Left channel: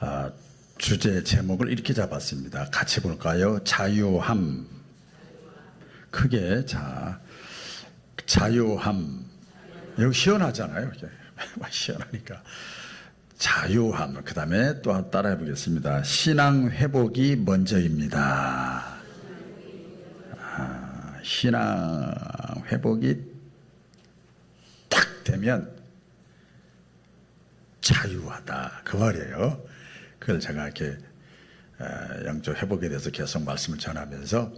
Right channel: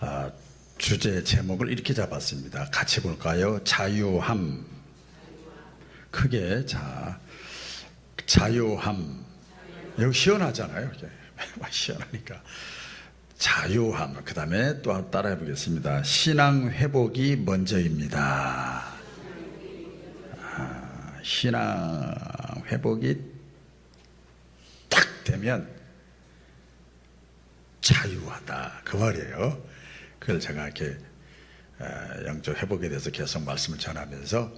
아, 주제 제목을 이렇게 잡았습니다. 같이 볼까요? 자유함. 크게 자유함. 여기 시원하잖아요. 시원하니까 자유함. 그 다음에 또 따라해 보겠습니다. 신앙 회복이 먼저입니다. 신앙 회복이 딱 되면 자유하다 그 말이에요. 그걸 제가 이렇게 영적 회복에 대해서 계속 말씀을 전하면서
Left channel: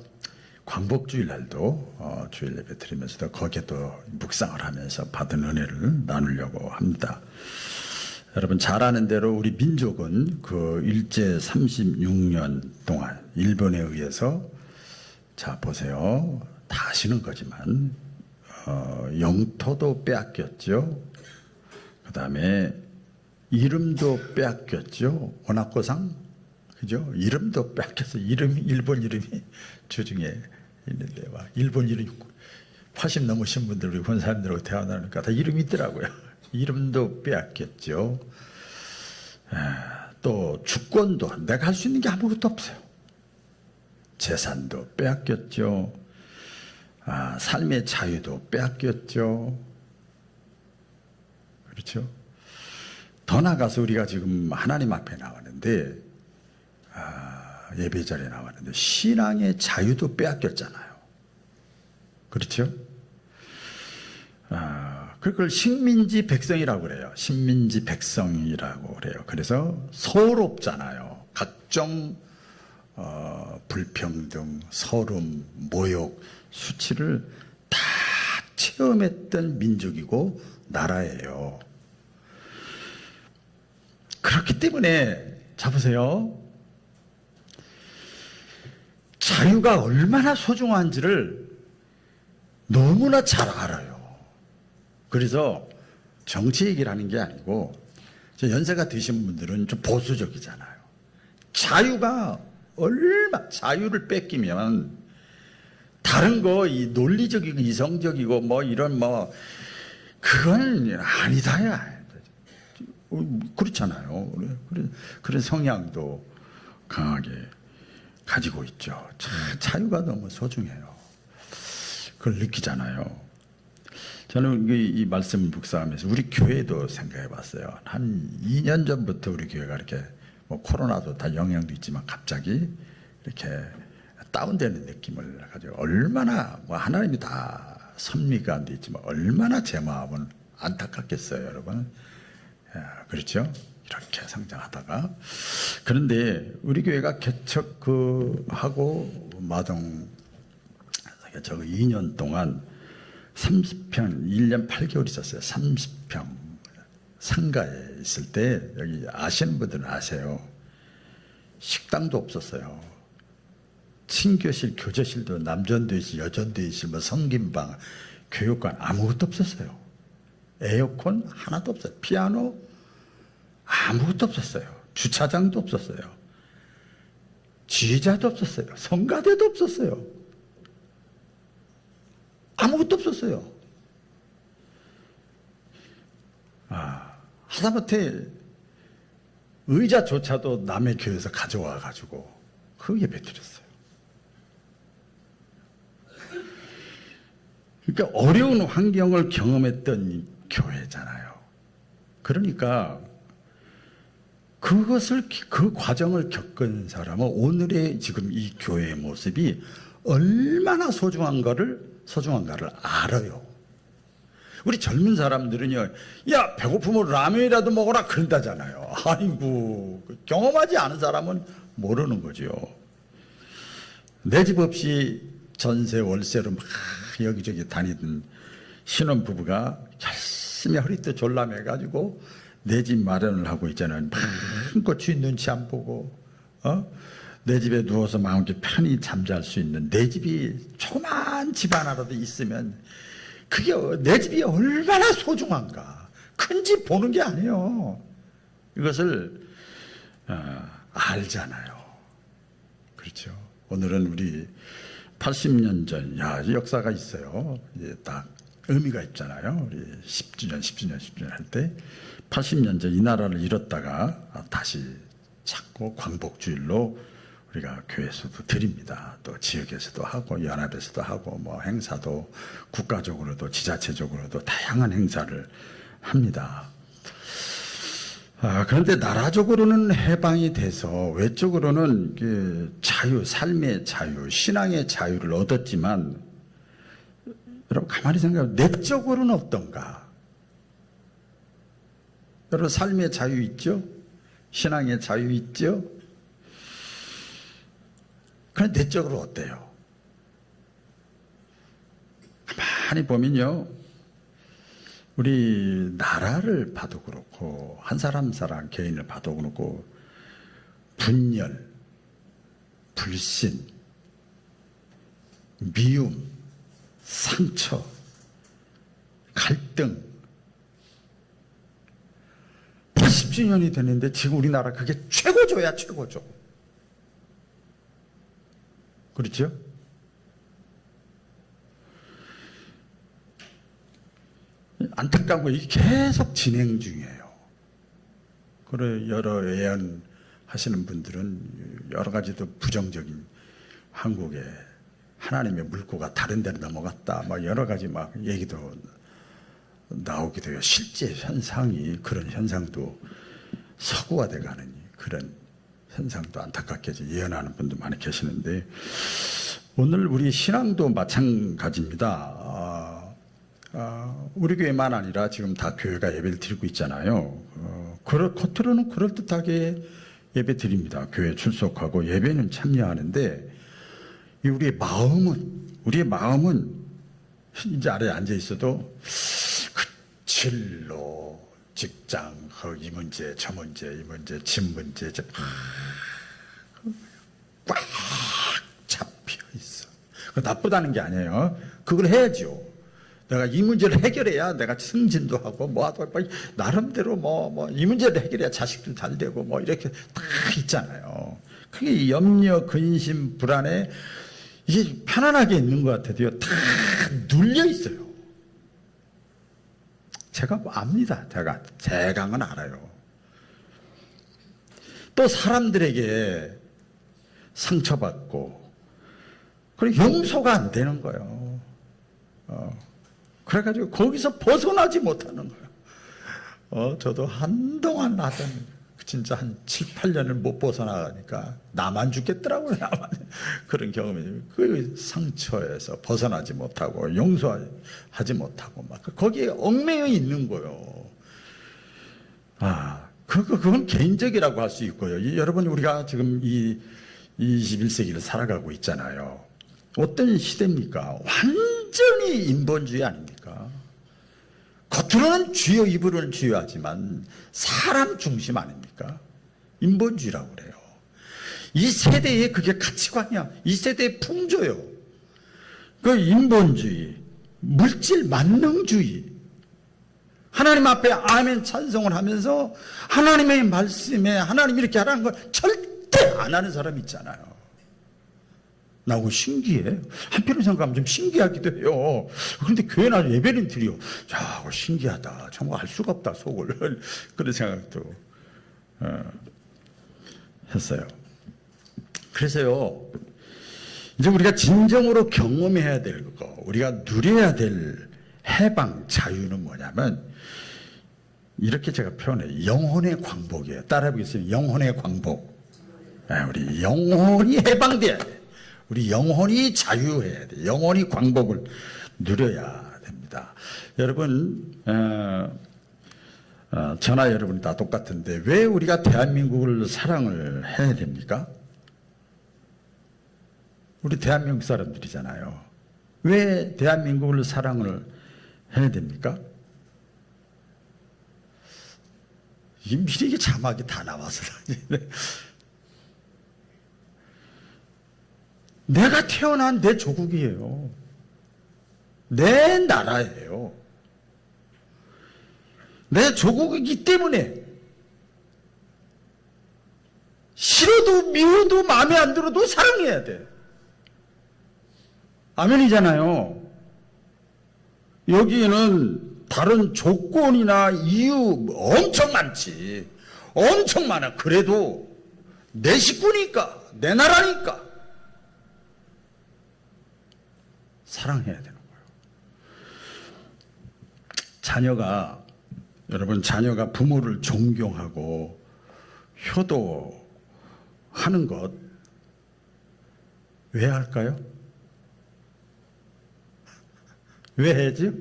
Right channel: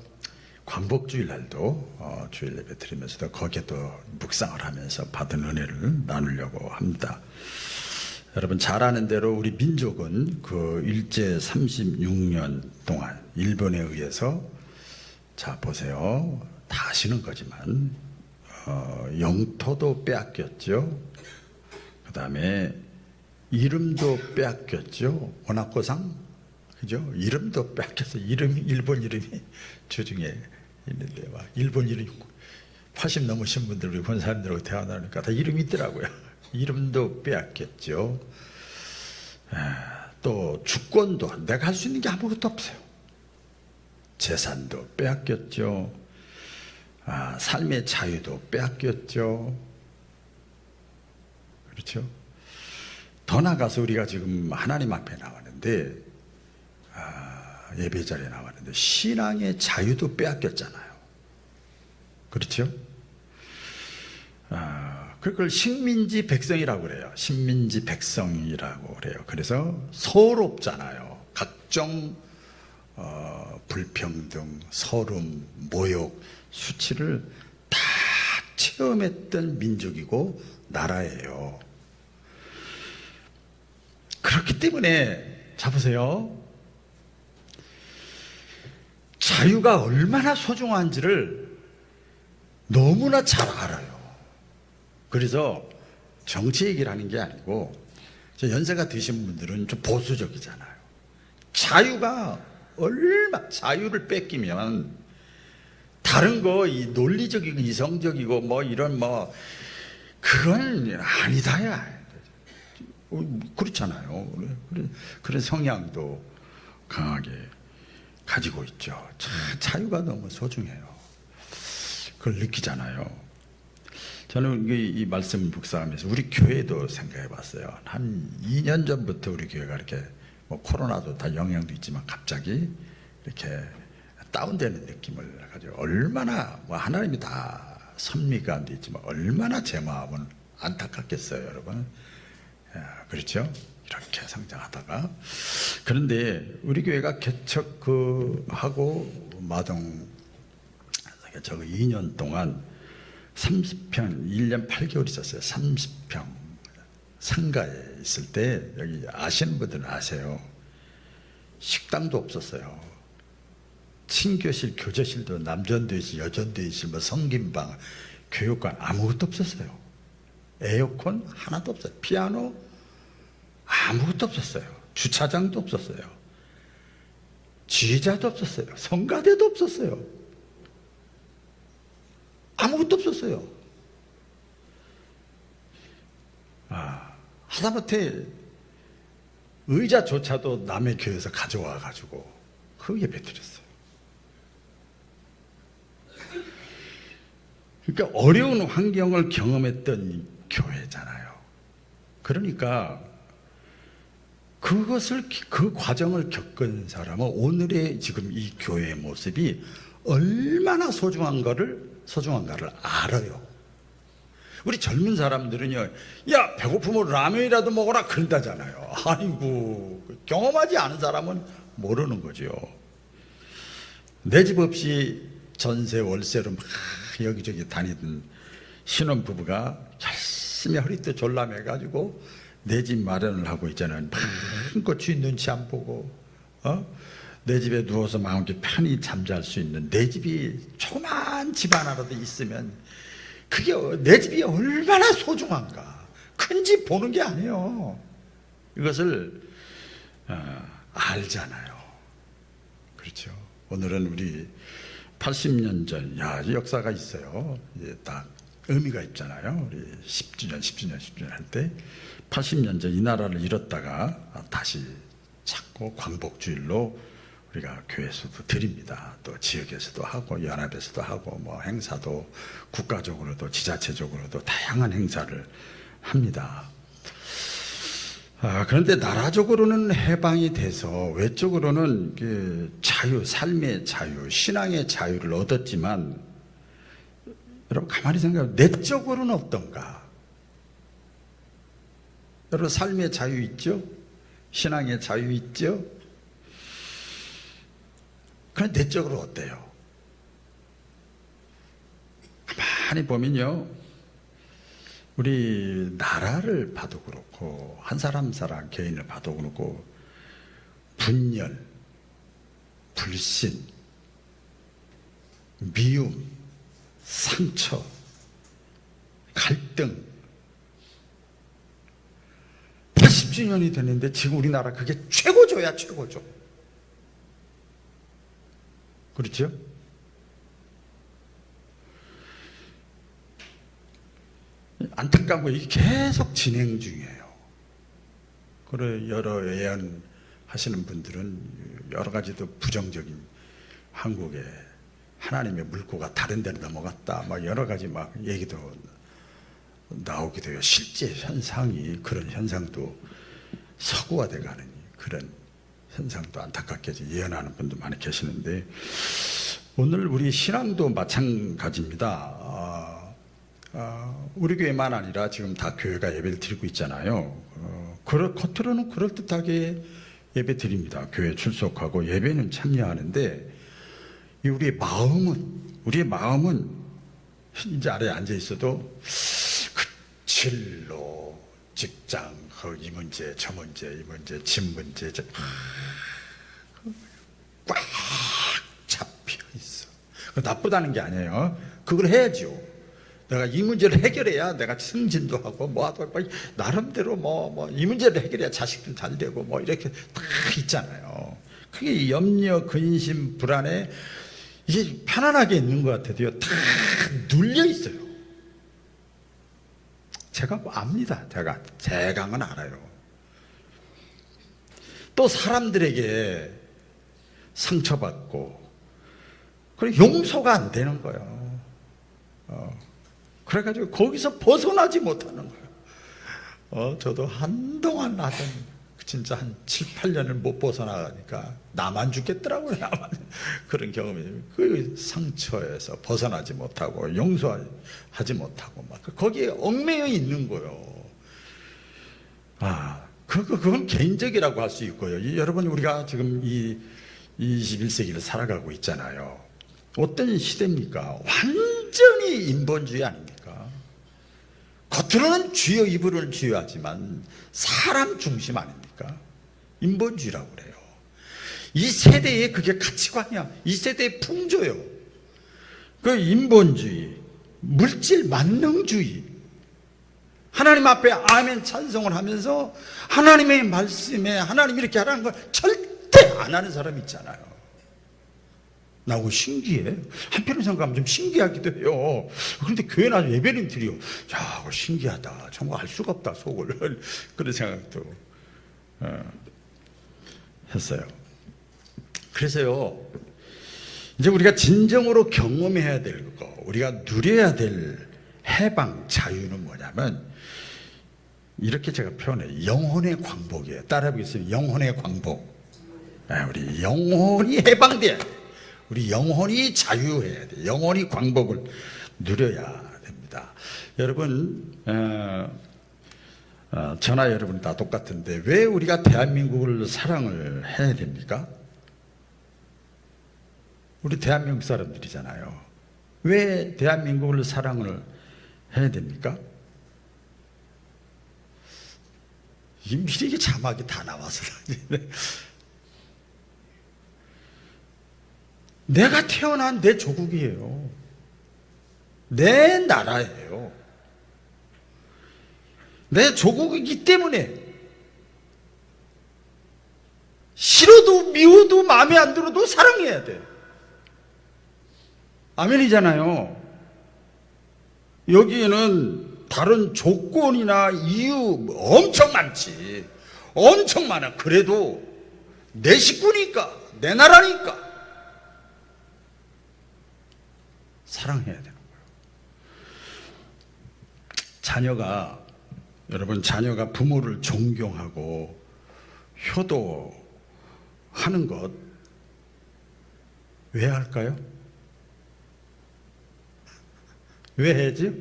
광복주일날도 주일 예배 드리면서도 거기에 또 묵상을 하면서 받은 은혜를 나누려고 합니다. 여러분 잘 아는 대로 우리 민족은 그 일제 36년 동안 일본에 의해서 자 보세요. 다 아시는 거지만 영토도 빼앗겼죠. 그 다음에 이름도 빼앗겼죠. 원학고상 그죠? 이름도 빼앗겨서 일본 이름이 주중에 있는데 막 일본 이름 80 넘으신 분들 우리 본 사람들하고 대화 나누니까 다 이름이 있더라고요. 이름도 빼앗겼죠. 또 주권도 내가 할 수 있는 게 아무것도 없어요. 재산도 빼앗겼죠. 삶의 자유도 빼앗겼죠. 그렇죠? 더 나가서 우리가 지금 하나님 앞에 나왔는데 예배 자리에 나왔는데 신앙의 자유도 빼앗겼잖아요. 그렇죠? 그걸 식민지 백성이라고 그래요. 식민지 백성이라고 그래요. 그래서 서럽잖아요. 각종 불평등, 서름, 모욕, 수치를 다 체험했던 민족이고 나라예요. 그렇기 때문에 자 보세요. 자유가 얼마나 소중한지를 너무나 잘 알아요. 그래서 정치 얘기를 하는 게 아니고 연세가 드신 분들은 좀 보수적이잖아요. 자유를 뺏기면 다른 거 이 논리적이고 이성적이고 뭐 이런 뭐 그건 아니다야. 그렇잖아요. 그런 성향도 강하게 가지고 있죠. 자유가 너무 소중해요. 그걸 느끼잖아요. 저는 이 말씀 묵상하면서 우리 교회도 생각해 봤어요. 한 2년 전부터 우리 교회가 이렇게 뭐 코로나도 다 영향도 있지만 갑자기 이렇게 다운되는 느낌을 가지고 얼마나 뭐 하나님이 다 섭리가 안 돼 있지만 얼마나 제 마음은 안타깝겠어요, 여러분. 그렇죠? 이렇게 성장하다가 그런데 우리 교회가 개척하고 마동 저 2년 동안 30평 1년 8개월 있었어요. 30평 상가에 있을 때 여기 아시는 분들은 아세요. 식당도 없었어요. 친교실, 교제실도 남전도 있고 여전도 있고 뭐 성김방, 교육관 아무것도 없었어요. 에어컨 하나도 없어요. 피아노 아무것도 없었어요. 주차장도 없었어요. 지휘자도 없었어요. 성가대도 없었어요. 아무것도 없었어요. 하다못해 의자조차도 남의 교회에서 가져와 가지고 그 예배 드렸어요. 그러니까 어려운 환경을 경험했던 교회잖아요. 그러니까 그 과정을 겪은 사람은 오늘의 지금 이 교회의 모습이 얼마나 소중한가를 알아요. 우리 젊은 사람들은요, 야, 배고프면 라면이라도 먹어라 그런다잖아요. 아이고, 경험하지 않은 사람은 모르는 거죠. 내 집 없이 전세 월세로 막 여기저기 다니던 신혼부부가 열심히 허리띠 졸라매가지고 내 집 마련을 하고 있잖아요. 마음껏 주인 눈치 안 보고 내 집에 누워서 마음껏 편히 잠잘 수 있는 내 집이 조그만 집 하나라도 있으면 그게 내 집이 얼마나 소중한가. 큰 집 보는 게 아니에요. 이것을 알잖아요. 그렇죠. 오늘은 우리 80년 전, 역사가 있어요. 딱 의미가 있잖아요. 우리 10주년 할 때 80년 전 이 나라를 잃었다가 다시 자꾸 광복주일로 우리가 교회에서도 드립니다. 또 지역에서도 하고 연합에서도 하고 뭐 행사도 국가적으로도 지자체적으로도 다양한 행사를 합니다. 그런데 나라적으로는 해방이 돼서 외적으로는 자유, 삶의 자유, 신앙의 자유를 얻었지만 여러분 가만히 생각하면 내적으로는 어떤가? 여러분 삶의 자유 있죠? 신앙의 자유 있죠? 그런데 내적으로 어때요? 가만히 보면요, 우리 나라를 봐도 그렇고 한 사람 한 사람 개인을 봐도 그렇고 분열, 불신, 미움, 상처, 갈등 80주년이 됐는데 지금 우리나라 그게 최고조야, 최고조. 그렇죠? 안타까운 거 이게 계속 진행 중이에요. 그래 여러 예언하시는 분들은 여러 가지도 부정적인 한국의 하나님의 물꼬가 다른 데로 넘어갔다, 막 여러 가지 막 얘기도 나오기도 해요. 실제 현상이 그런 현상도 서구화돼가는 그런 현상도 안타깝게 예언하는 분도 많이 계시는데 오늘 우리 신앙도 마찬가지입니다. 우리 교회만 아니라 지금 다 교회가 예배를 드리고 있잖아요. 겉으로는 그럴듯하게 예배 드립니다. 교회 출석하고 예배는 참여하는데 우리의 마음은 이제 아래에 앉아 있어도 그 진로, 직장, 이 문제, 저 문제, 이 문제, 집 문제 꽉 잡혀 있어. 나쁘다는 게 아니에요. 그걸 해야죠. 내가 이 문제를 해결해야 내가 승진도 하고 뭐하고 나름대로 이 문제를 해결해야 자식들 잘 되고 뭐 이렇게 다 있잖아요. 그게 염려, 근심, 불안에 이게 편안하게 있는 것 같아도요, 다 눌려 있어요. 제가 압니다. 제가는 알아요. 또 사람들에게 상처받고 그리고 용서가 안 되는 거예요. 그래가지고 거기서 벗어나지 못하는 거예요. 저도 한동안 진짜 한 7, 8년을 못 벗어나가니까 나만 죽겠더라고요. 그런 경험이. 그 상처에서 벗어나지 못하고 용서하지 못하고 막 거기에 얽매여 있는 거예요. 그건 개인적이라고 할 수 있고요. 여러분 우리가 지금 이 21세기를 살아가고 있잖아요. 어떤 시대입니까? 완전히 인본주의 아닙니까? 겉으로는 주여 입으로는 주여하지만 사람 중심 아닙니까? 인본주의라고 그래요. 이 세대의 그게 가치관이야. 이 세대의 풍조요. 그 인본주의, 물질 만능주의. 하나님 앞에 아멘 찬송을 하면서 하나님의 말씀에 하나님 이렇게 하라는 걸 절대 안 하는 사람 있잖아요. 나 그거 신기해. 한편으로 생각하면 좀 신기하기도 해요. 그런데 교회 나서 예배는 드려. 야, 그거 신기하다. 정말 알 수가 없다, 속을. 그런 생각도 했어요. 그래서요, 이제 우리가 진정으로 경험해야 될 거, 우리가 누려야 될 해방, 자유는 뭐냐면, 이렇게 제가 표현해요. 영혼의 광복이에요. 따라해보겠습니다. 영혼의 광복. 우리 영혼이 해방돼야 돼. 우리 영혼이 자유해야 돼. 영혼이 광복을 누려야 됩니다. 여러분, 저나 여러분 다 똑같은데 왜 우리가 대한민국을 사랑을 해야 됩니까? 우리 대한민국 사람들이잖아요. 왜 대한민국을 사랑을 해야 됩니까? 이 미리 자막이 다 나와서 내가 태어난 내 조국이에요. 내 나라예요. 내 조국이기 때문에 싫어도 미워도 마음에 안 들어도 사랑해야 돼. 아멘이잖아요. 여기에는 다른 조건이나 이유 엄청 많지. 엄청 많아. 그래도 내 식구니까, 내 나라니까 사랑해야 되는 거예요. 자녀가 부모를 존경하고 효도하는 것 왜 할까요? 왜 해야지?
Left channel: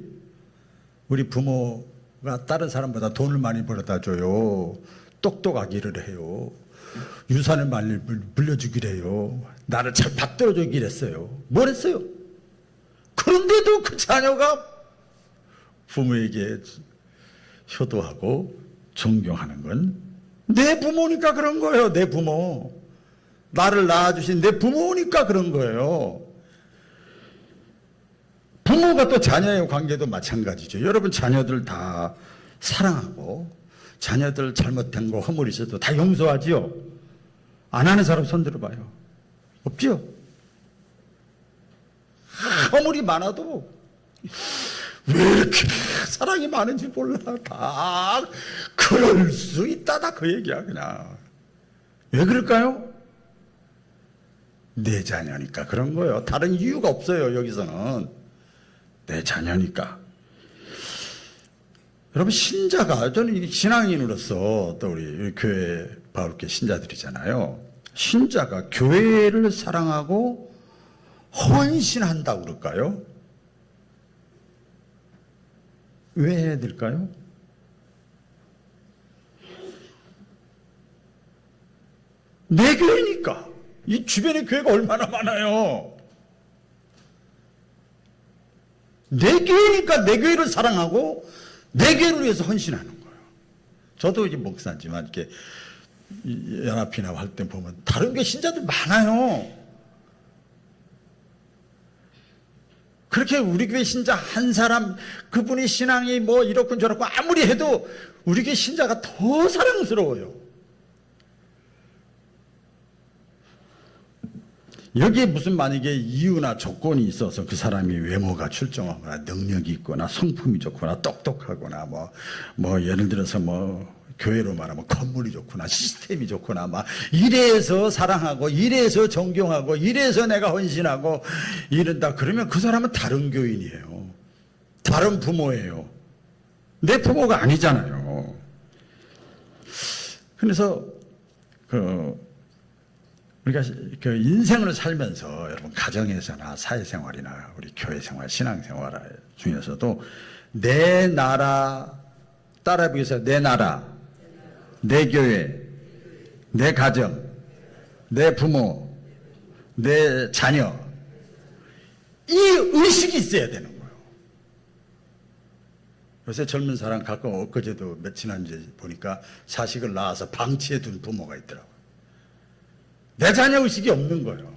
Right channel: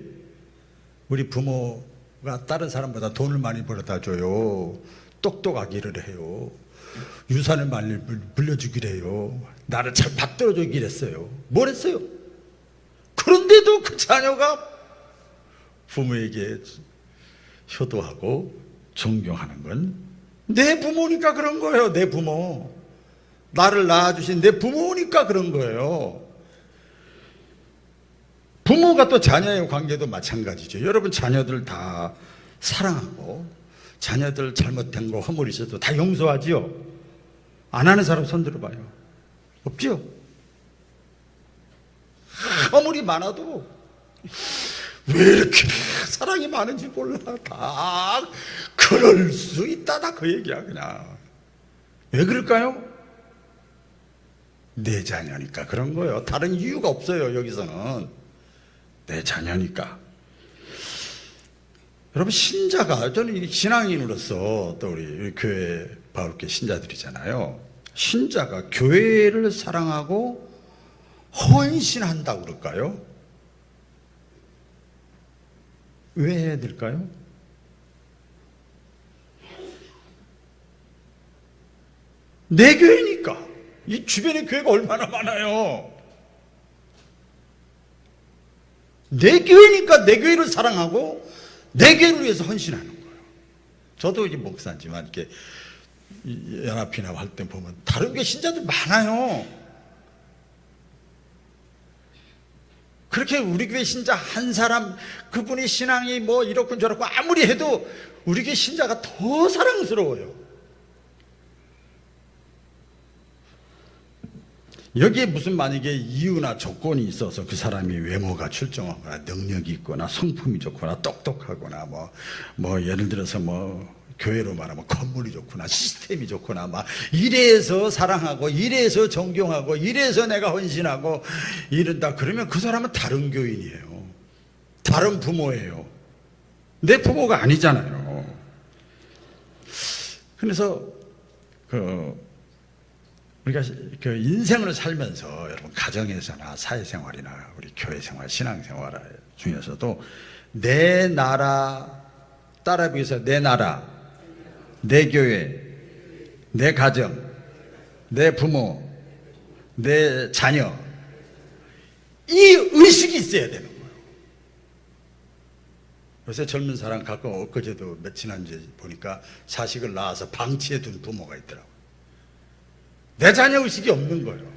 우리 부모가 다른 사람보다 돈을 많이 벌어다 줘요. 똑똑하기를 해요. 유산을 많이 물려주기를 해요. 나를 잘 받들어주기를 했어요. 뭘 했어요? 그런데도 그 자녀가 부모에게 효도하고 존경하는 건 내 부모니까 그런 거예요. 내 부모. 나를 낳아주신 내 부모니까 그런 거예요. 부모가 또 자녀의 관계도 마찬가지죠. 여러분 자녀들 다 사랑하고 자녀들 잘못된 거 허물 있어도 다 용서하지요. 안 하는 사람 손 들어봐요. 없죠? 허물이 많아도 왜 이렇게 사랑이 많은지 몰라. 다 그럴 수 있다다 그 얘기야 그냥. 왜 그럴까요? 내 자녀니까 그런 거예요. 다른 이유가 없어요. 여기서는 내 자녀니까. 여러분 신자가, 저는 신앙인으로서 또 우리 교회 바울교 신자들이잖아요. 신자가 교회를 사랑하고 헌신한다고 그럴까요? 왜 해야 될까요? 내 교회니까. 이 주변에 교회가 얼마나 많아요. 내 교회니까 내 교회를 사랑하고 내 교회를 위해서 헌신하는 거예요. 저도 이제 목사지만 이렇게 연합이나 할 때 보면 다른 교회 신자들 많아요. 그렇게 우리 교회 신자 한 사람, 그분이 신앙이 뭐 이렇고 저렇고 아무리 해도 우리 교회 신자가 더 사랑스러워요. 여기에 무슨 만약에 이유나 조건이 있어서 그 사람이 외모가 출중하거나 능력이 있거나 성품이 좋거나 똑똑하거나 뭐 예를 들어서 교회로 말하면 건물이 좋구나 시스템이 좋구나 막 이래서 사랑하고 이래서 존경하고 이래서 내가 헌신하고 이런다 그러면 그 사람은 다른 교인이에요. 다른 부모예요. 내 부모가 아니잖아요. 그래서 우리가 그 인생을 살면서 여러분 가정에서나 사회생활이나 우리 교회생활, 신앙생활 중에서도 내 나라, 따라해보겠어요. 내 나라, 내 교회, 내 가정, 내 부모, 내 자녀, 이 의식이 있어야 되는 거예요. 요새 젊은 사람 가끔 엊그제도 지난주에 보니까 자식을 낳아서 방치해 둔 부모가 있더라고요. 내 자녀 의식이 없는 거예요.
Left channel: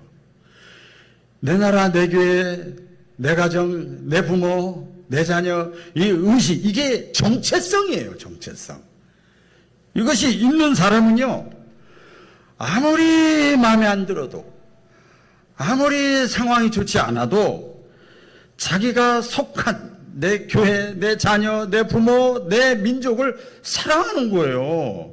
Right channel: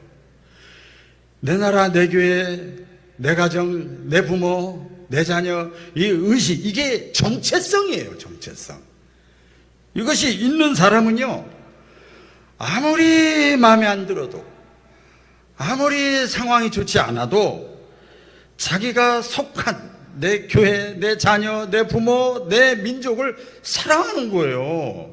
내 나라, 내 교회, 내 가정, 내 부모, 내 자녀, 이 의식, 이게 정체성이에요. 정체성. 이것이 있는 사람은요, 아무리 마음에 안 들어도, 아무리 상황이 좋지 않아도 자기가 속한 내 교회, 내 자녀, 내 부모, 내 민족을 사랑하는 거예요.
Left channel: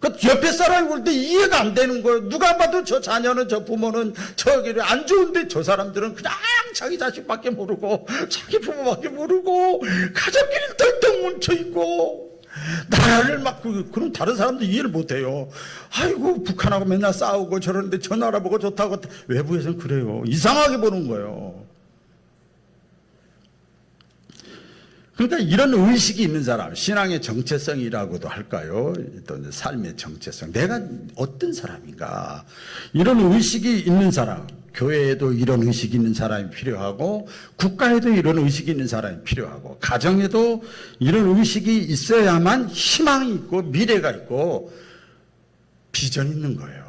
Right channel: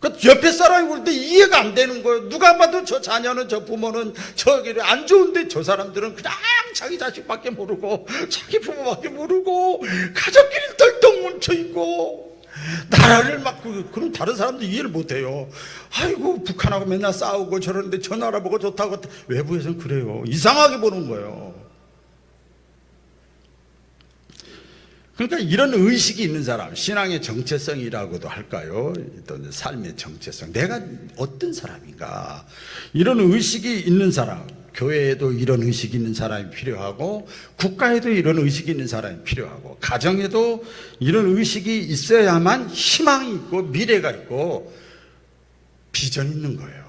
그 옆에 사람이 볼 때 이해가 안 되는 거예요. 누가 봐도 저 자녀는, 저 부모는 저기 안 좋은데 저 사람들은 그냥 자기 자식밖에 모르고 자기 부모밖에 모르고 가족끼리 덜덜 뭉쳐있고 나라를 막 그럼 다른 사람도 이해를 못해요. 아이고 북한하고 맨날 싸우고 저러는데 저 나라 보고 좋다고. 외부에서는 그래요. 이상하게 보는 거예요. 그러니까 이런 의식이 있는 사람, 신앙의 정체성이라고도 할까요? 또 삶의 정체성, 내가 어떤 사람인가, 이런 의식이 있는 사람, 교회에도 이런 의식이 있는 사람이 필요하고 국가에도 이런 의식이 있는 사람이 필요하고 가정에도 이런 의식이 있어야만 희망이 있고 미래가 있고 비전이 있는 거예요.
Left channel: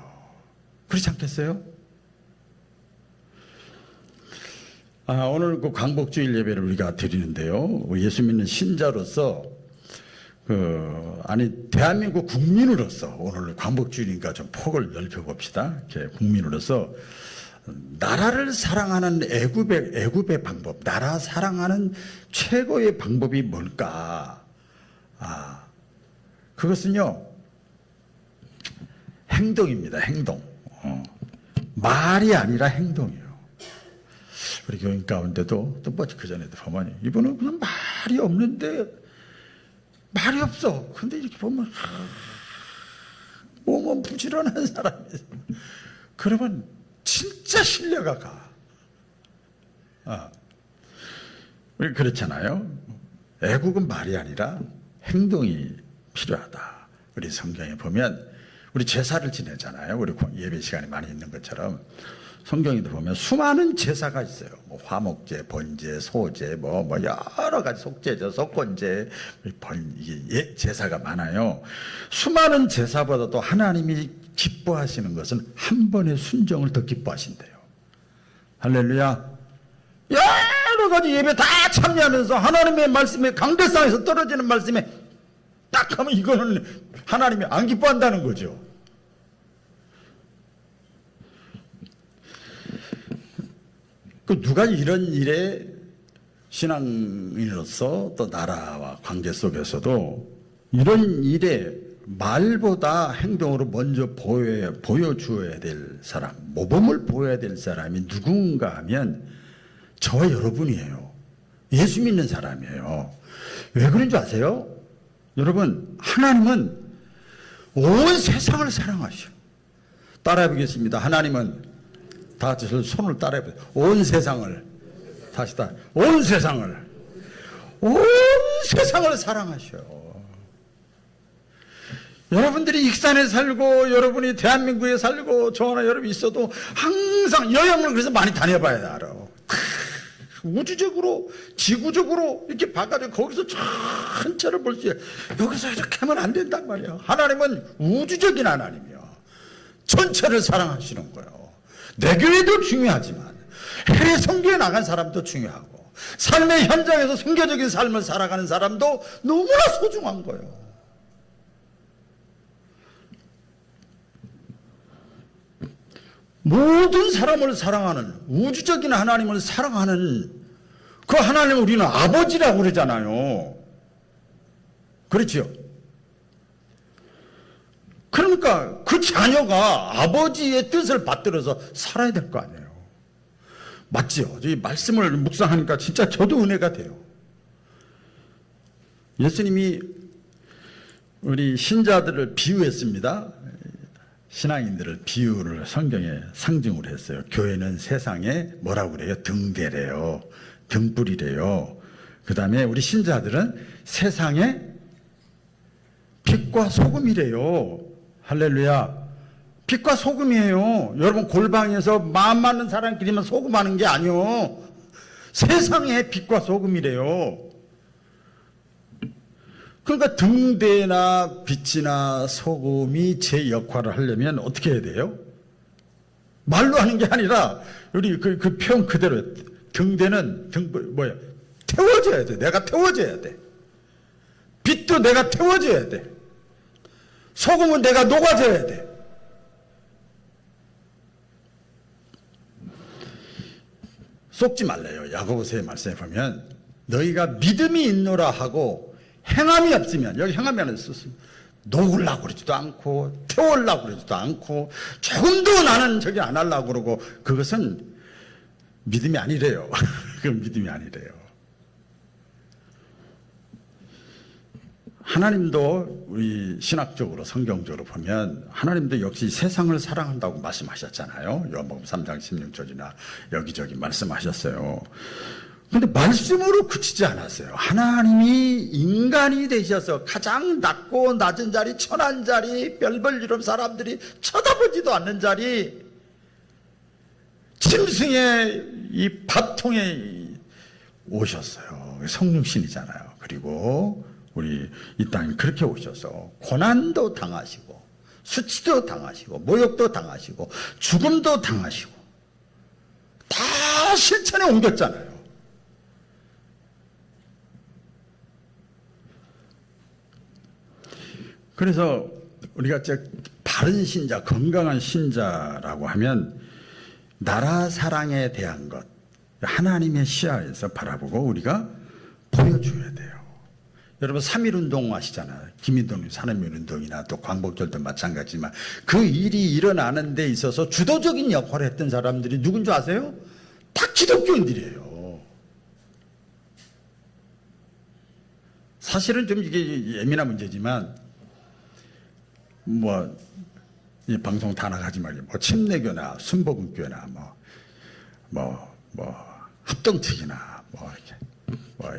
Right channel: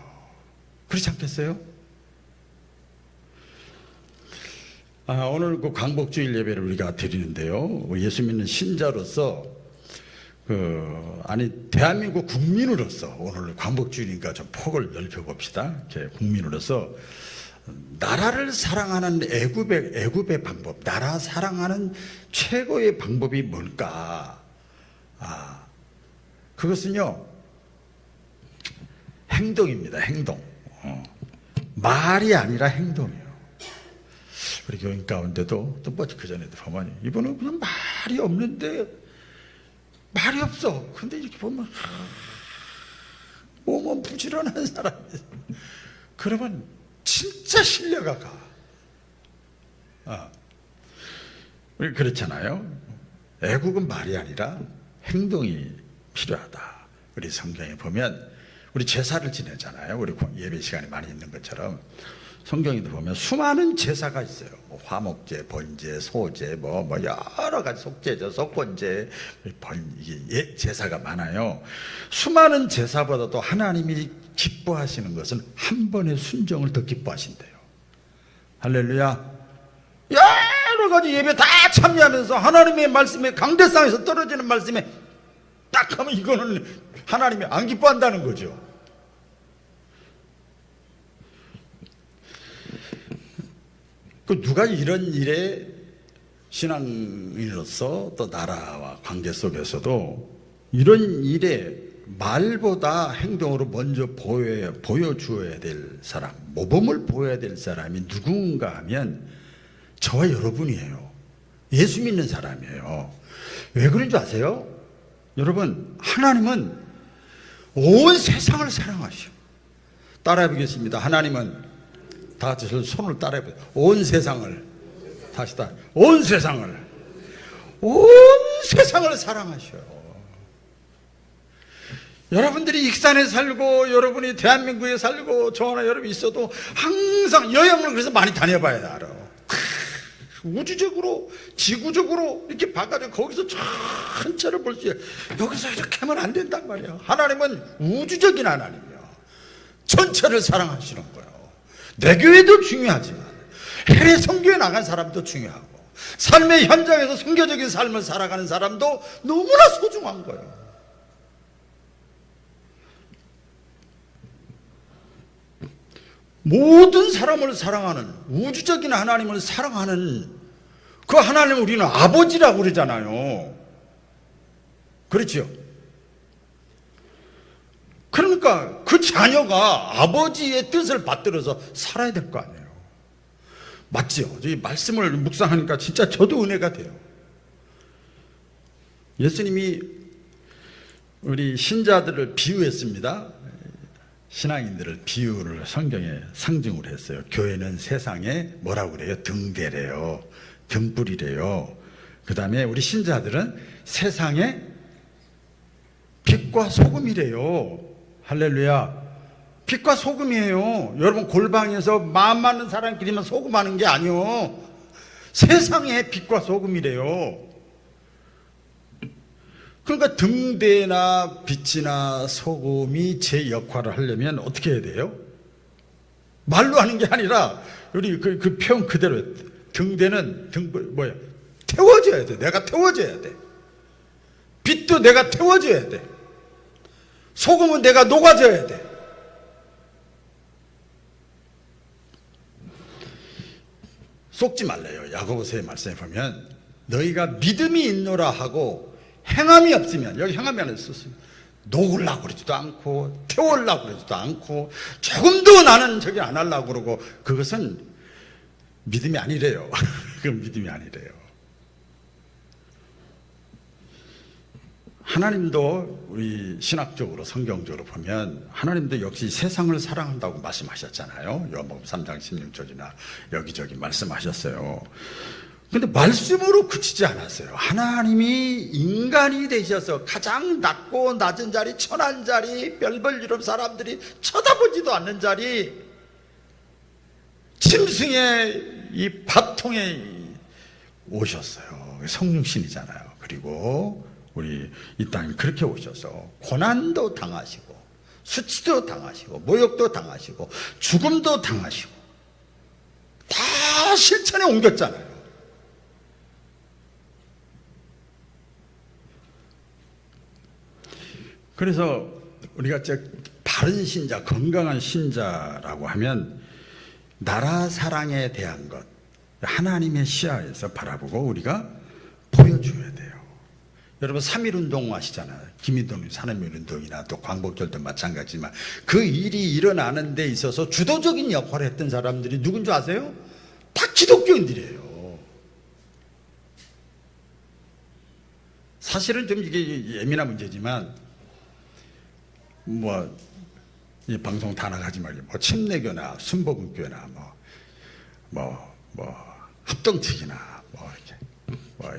그렇지 않겠어요? 오늘 그 광복주일 예배를 우리가 드리는데요. 예수 믿는 신자로서 대한민국 국민으로서 오늘 광복주일이니까 좀 폭을 넓혀 봅시다. 국민으로서 나라를 사랑하는 애국의 방법, 나라 사랑하는 최고의 방법이 뭘까? 그것은요, 행동입니다. 행동. 말이 아니라 행동이에요. 우리 교인 가운데도 또 그 전에도 보면 이분은 그냥 말이 없는데 말이 없어. 근데 이렇게 보면 몸은 부지런한 사람이 그러면 진짜 신뢰가 가. 우리 그렇잖아요. 애국은 말이 아니라 행동이 필요하다. 우리 성경에 보면 우리 제사를 지내잖아요. 우리 예배 시간이 많이 있는 것처럼 성경에도 보면 수많은 제사가 있어요. 화목제, 번제, 소제, 뭐 여러 가지 속제죠, 속건제, 이게 제사가 많아요. 수많은 제사보다도 하나님이 기뻐하시는 것은 한 번의 순종을 더 기뻐하신대요. 할렐루야. 여러 가지 예배 다 참여하면서 하나님의 말씀에 강대상에서 떨어지는 말씀에 딱 하면 이거는 하나님이 안 기뻐한다는 거죠. 그 누가 이런 일에 신앙인으로서 또 나라와 관계 속에서도 이런 일에 말보다 행동으로 먼저 보여주어야 될 사람, 모범을 보여야 될 사람이 누군가 하면 저와 여러분이에요. 예수 믿는 사람이에요. 왜 그런 줄 아세요? 여러분, 하나님은 온 세상을 사랑하시고, 따라해 보겠습니다. 하나님은 다 같이 손을 따라해 보세요. 온 세상을, 다시 온 세상을 사랑하셔. 여러분들이 익산에 살고 여러분이 대한민국에 살고 저 하나 여러분이 있어도 항상 여행을 그래서 많이 다녀봐야 알아. 우주적으로 지구적으로 이렇게 봐가지고 거기서 전체를 볼 수 있어요. 여기서 이렇게 하면 안 된단 말이야. 하나님은 우주적인 하나님이야. 전체를 사랑하시는 거예요. 내 교회도 중요하지만 해외 선교에 나간 사람도 중요하고 삶의 현장에서 선교적인 삶을 살아가는 사람도 너무나 소중한 거예요. 모든 사람을 사랑하는 우주적인 하나님을 사랑하는 그 하나님을 우리는 아버지라고 그러잖아요. 그렇죠? 그러니까 그 자녀가 아버지의 뜻을 받들어서 살아야 될 거 아니에요. 맞죠? 이 말씀을 묵상하니까 진짜 저도 은혜가 돼요. 예수님이 우리 신자들을 비유했습니다. 신앙인들을 비유를 성경에 상징으로 했어요. 교회는 세상에 뭐라고 그래요? 등대래요. 등불이래요. 그 다음에 우리 신자들은 세상에 빛과 소금이래요. 할렐루야. 빛과 소금이에요. 여러분 골방에서 마음 맞는 사람끼리만 소금하는 게 아니요. 세상에 빛과 소금이래요. 그러니까 등대나 빛이나 소금이 제 역할을 하려면 어떻게 해야 돼요? 말로 하는 게 아니라 우리 그 표현 그대로 등대는 태워져야 돼. 내가 태워져야 돼. 빛도 내가 태워져야 돼. 소금은 내가 녹아져야 돼. 속지 말래요. 야고보서의 말씀에 보면 너희가 믿음이 있노라 하고 행함이 없으면, 여기 행함이 안 있었으면 녹으려고 그러지도 않고 태우려고 그러지도 않고 조금도 나는 저기 안 하려고 그러고 그것은 믿음이 아니래요. 그건 믿음이 아니래요. 하나님도 우리 신학적으로 성경적으로 보면 하나님도 역시 세상을 사랑한다고 말씀하셨잖아요. 요한복음 3장 16절이나 여기저기 말씀하셨어요. 근데 말씀으로 그치지 않았어요. 하나님이 인간이 되셔서 가장 낮고 낮은 자리, 천한 자리, 별벌 이름 사람들이 쳐다보지도 않는 자리, 짐승의 이 밥통에 오셨어요. 성육신이잖아요. 그리고 우리 이 땅에 그렇게 오셔서 고난도 당하시고 수치도 당하시고 모욕도 당하시고 죽음도 당하시고 다 실천에 옮겼잖아요. 그래서 우리가 바른 신자, 건강한 신자라고 하면 나라 사랑에 대한 것, 하나님의 시야에서 바라보고 우리가 보여줘야 돼요. 여러분 3.1운동 아시잖아요. 김일동 산업인운동이나 또 광복절도 마찬가지지만 그 일이 일어나는 데 있어서 주도적인 역할을 했던 사람들이 누군 줄 아세요? 다 기독교인들이에요. 사실은 좀 이게 예민한 문제지만 이 방송 다 나가지 말고 침례교나 순복음교나 합동측이나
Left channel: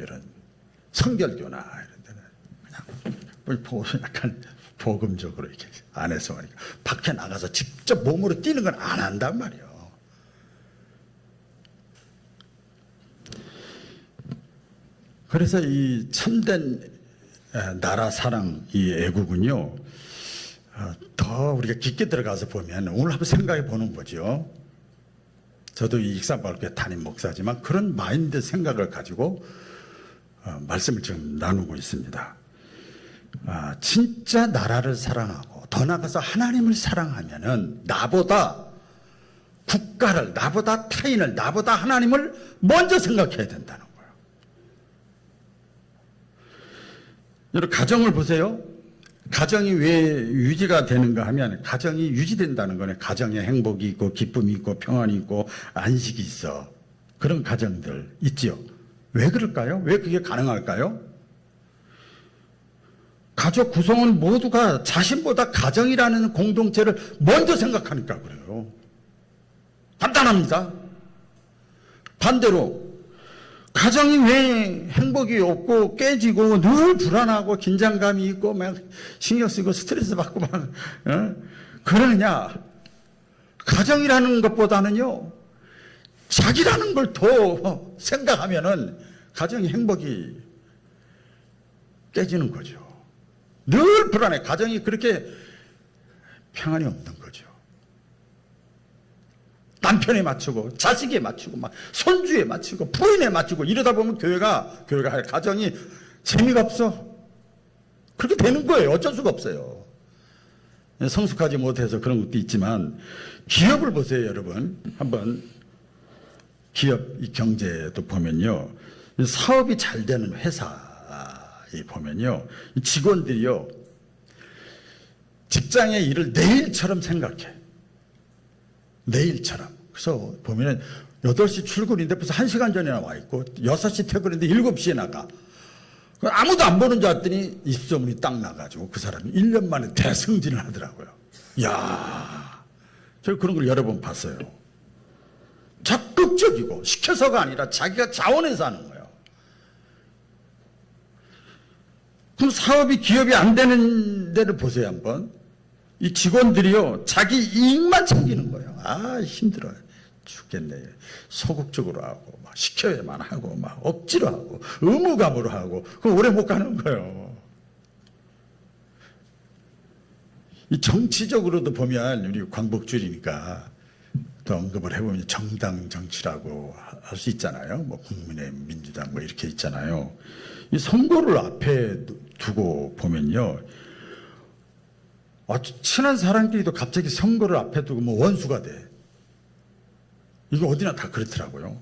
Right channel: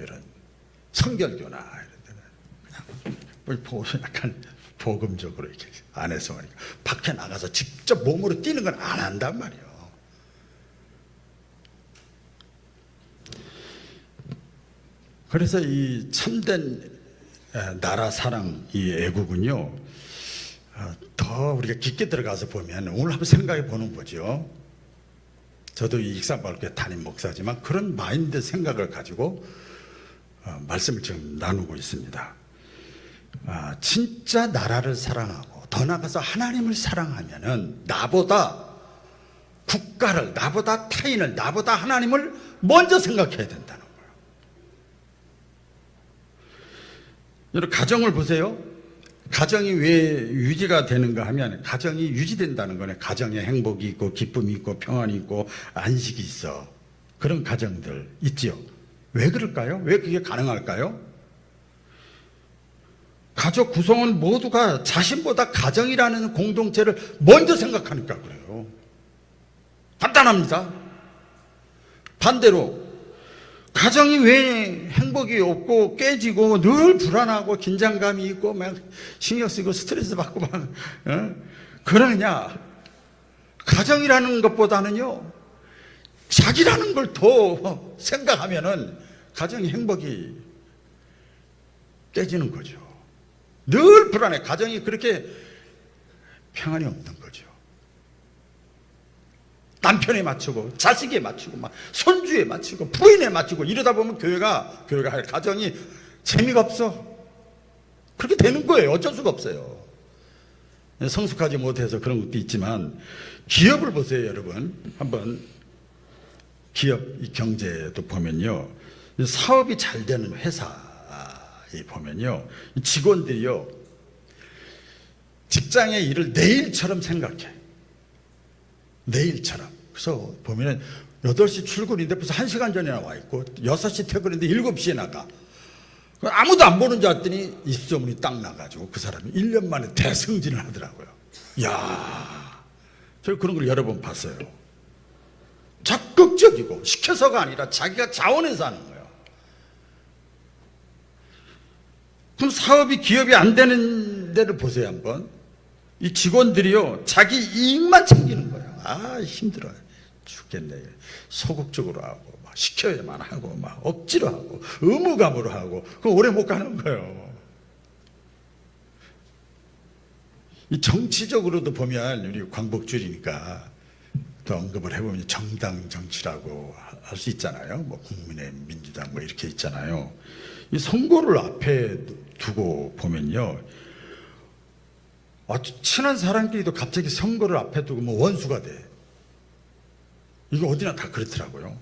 이런 성결교나 이런 데는 그냥 약간 복음적으로 이렇게 안에서 밖에 나가서 직접 몸으로 뛰는 건 안 한단 말이에요. 그래서 이 참된 나라 사랑, 이 애국은요, 더 우리가 깊게 들어가서 보면 오늘 한번 생각해 보는 거죠. 저도 이 익산마을교회 담임 목사지만 그런 마인드 생각을 가지고 말씀을 지금 나누고 있습니다. 진짜 나라를 사랑하고 더 나아가서 하나님을 사랑하면은 나보다 국가를, 나보다 타인을, 나보다 하나님을 먼저 생각해야 된다는 거예요. 여러분 가정을 보세요. 가정이 왜 유지가 되는가 하면 가정이 유지된다는 거네. 가정에 행복이 있고 기쁨이 있고 평안이 있고 안식이 있어. 그런 가정들 있지요. 왜 그럴까요? 왜 그게 가능할까요? 가족 구성원 모두가 자신보다 가정이라는 공동체를 먼저 생각하니까 그래요. 간단합니다. 반대로 가정이 왜 행복이 없고 깨지고 늘 불안하고 긴장감이 있고 막 신경 쓰고 스트레스 받고 막 그러느냐? 가정이라는 것보다는요 자기라는 걸 더 생각하면은 가정의 행복이 깨지는 거죠. 늘 불안해. 가정이 그렇게 평안이 없는 거죠. 남편에 맞추고 자식에 맞추고 막 손주에 맞추고 부인에 맞추고 이러다 보면 교회가 할 가정이 재미가 없어. 그렇게 되는 거예요. 어쩔 수가 없어요. 성숙하지 못해서 그런 것도 있지만 기업을 보세요, 여러분. 한번 기업 이 경제도 보면요, 사업이 잘 되는 회사에 보면요, 직원들이요 직장의 일을 내일처럼 생각해. 내일처럼. 그래서 보면은 8시 출근인데 벌써 1시간 전에 나와 있고 6시 퇴근인데 7시에 나가. 아무도 안 보는 줄 알았더니 입소문이 딱 나가지고 그 사람이 1년 만에 대승진을 하더라고요. 이야, 저 그런 걸 여러 번 봤어요. 적극적이고 시켜서가 아니라 자기가 자원해서 하는 거예요. 그럼 사업이 기업이 안 되는 데를 보세요 한번. 이 직원들이요 자기 이익만 챙기는 거예요. 힘들어요. 죽겠네. 소극적으로 하고 막 시켜야만 하고 막 억지로 하고 의무감으로 하고 그거 오래 못 가는 거예요. 이 정치적으로도 보면 우리 광복절이니까 또 언급을 해보면 정당 정치라고 할 수 있잖아요. 뭐 국민의힘, 민주당 뭐 이렇게 있잖아요. 이 선거를 앞에 두고 보면요, 친한 사람끼리도 갑자기 선거를 앞에 두고 뭐 원수가 돼. 이거 어디나 다 그렇더라고요.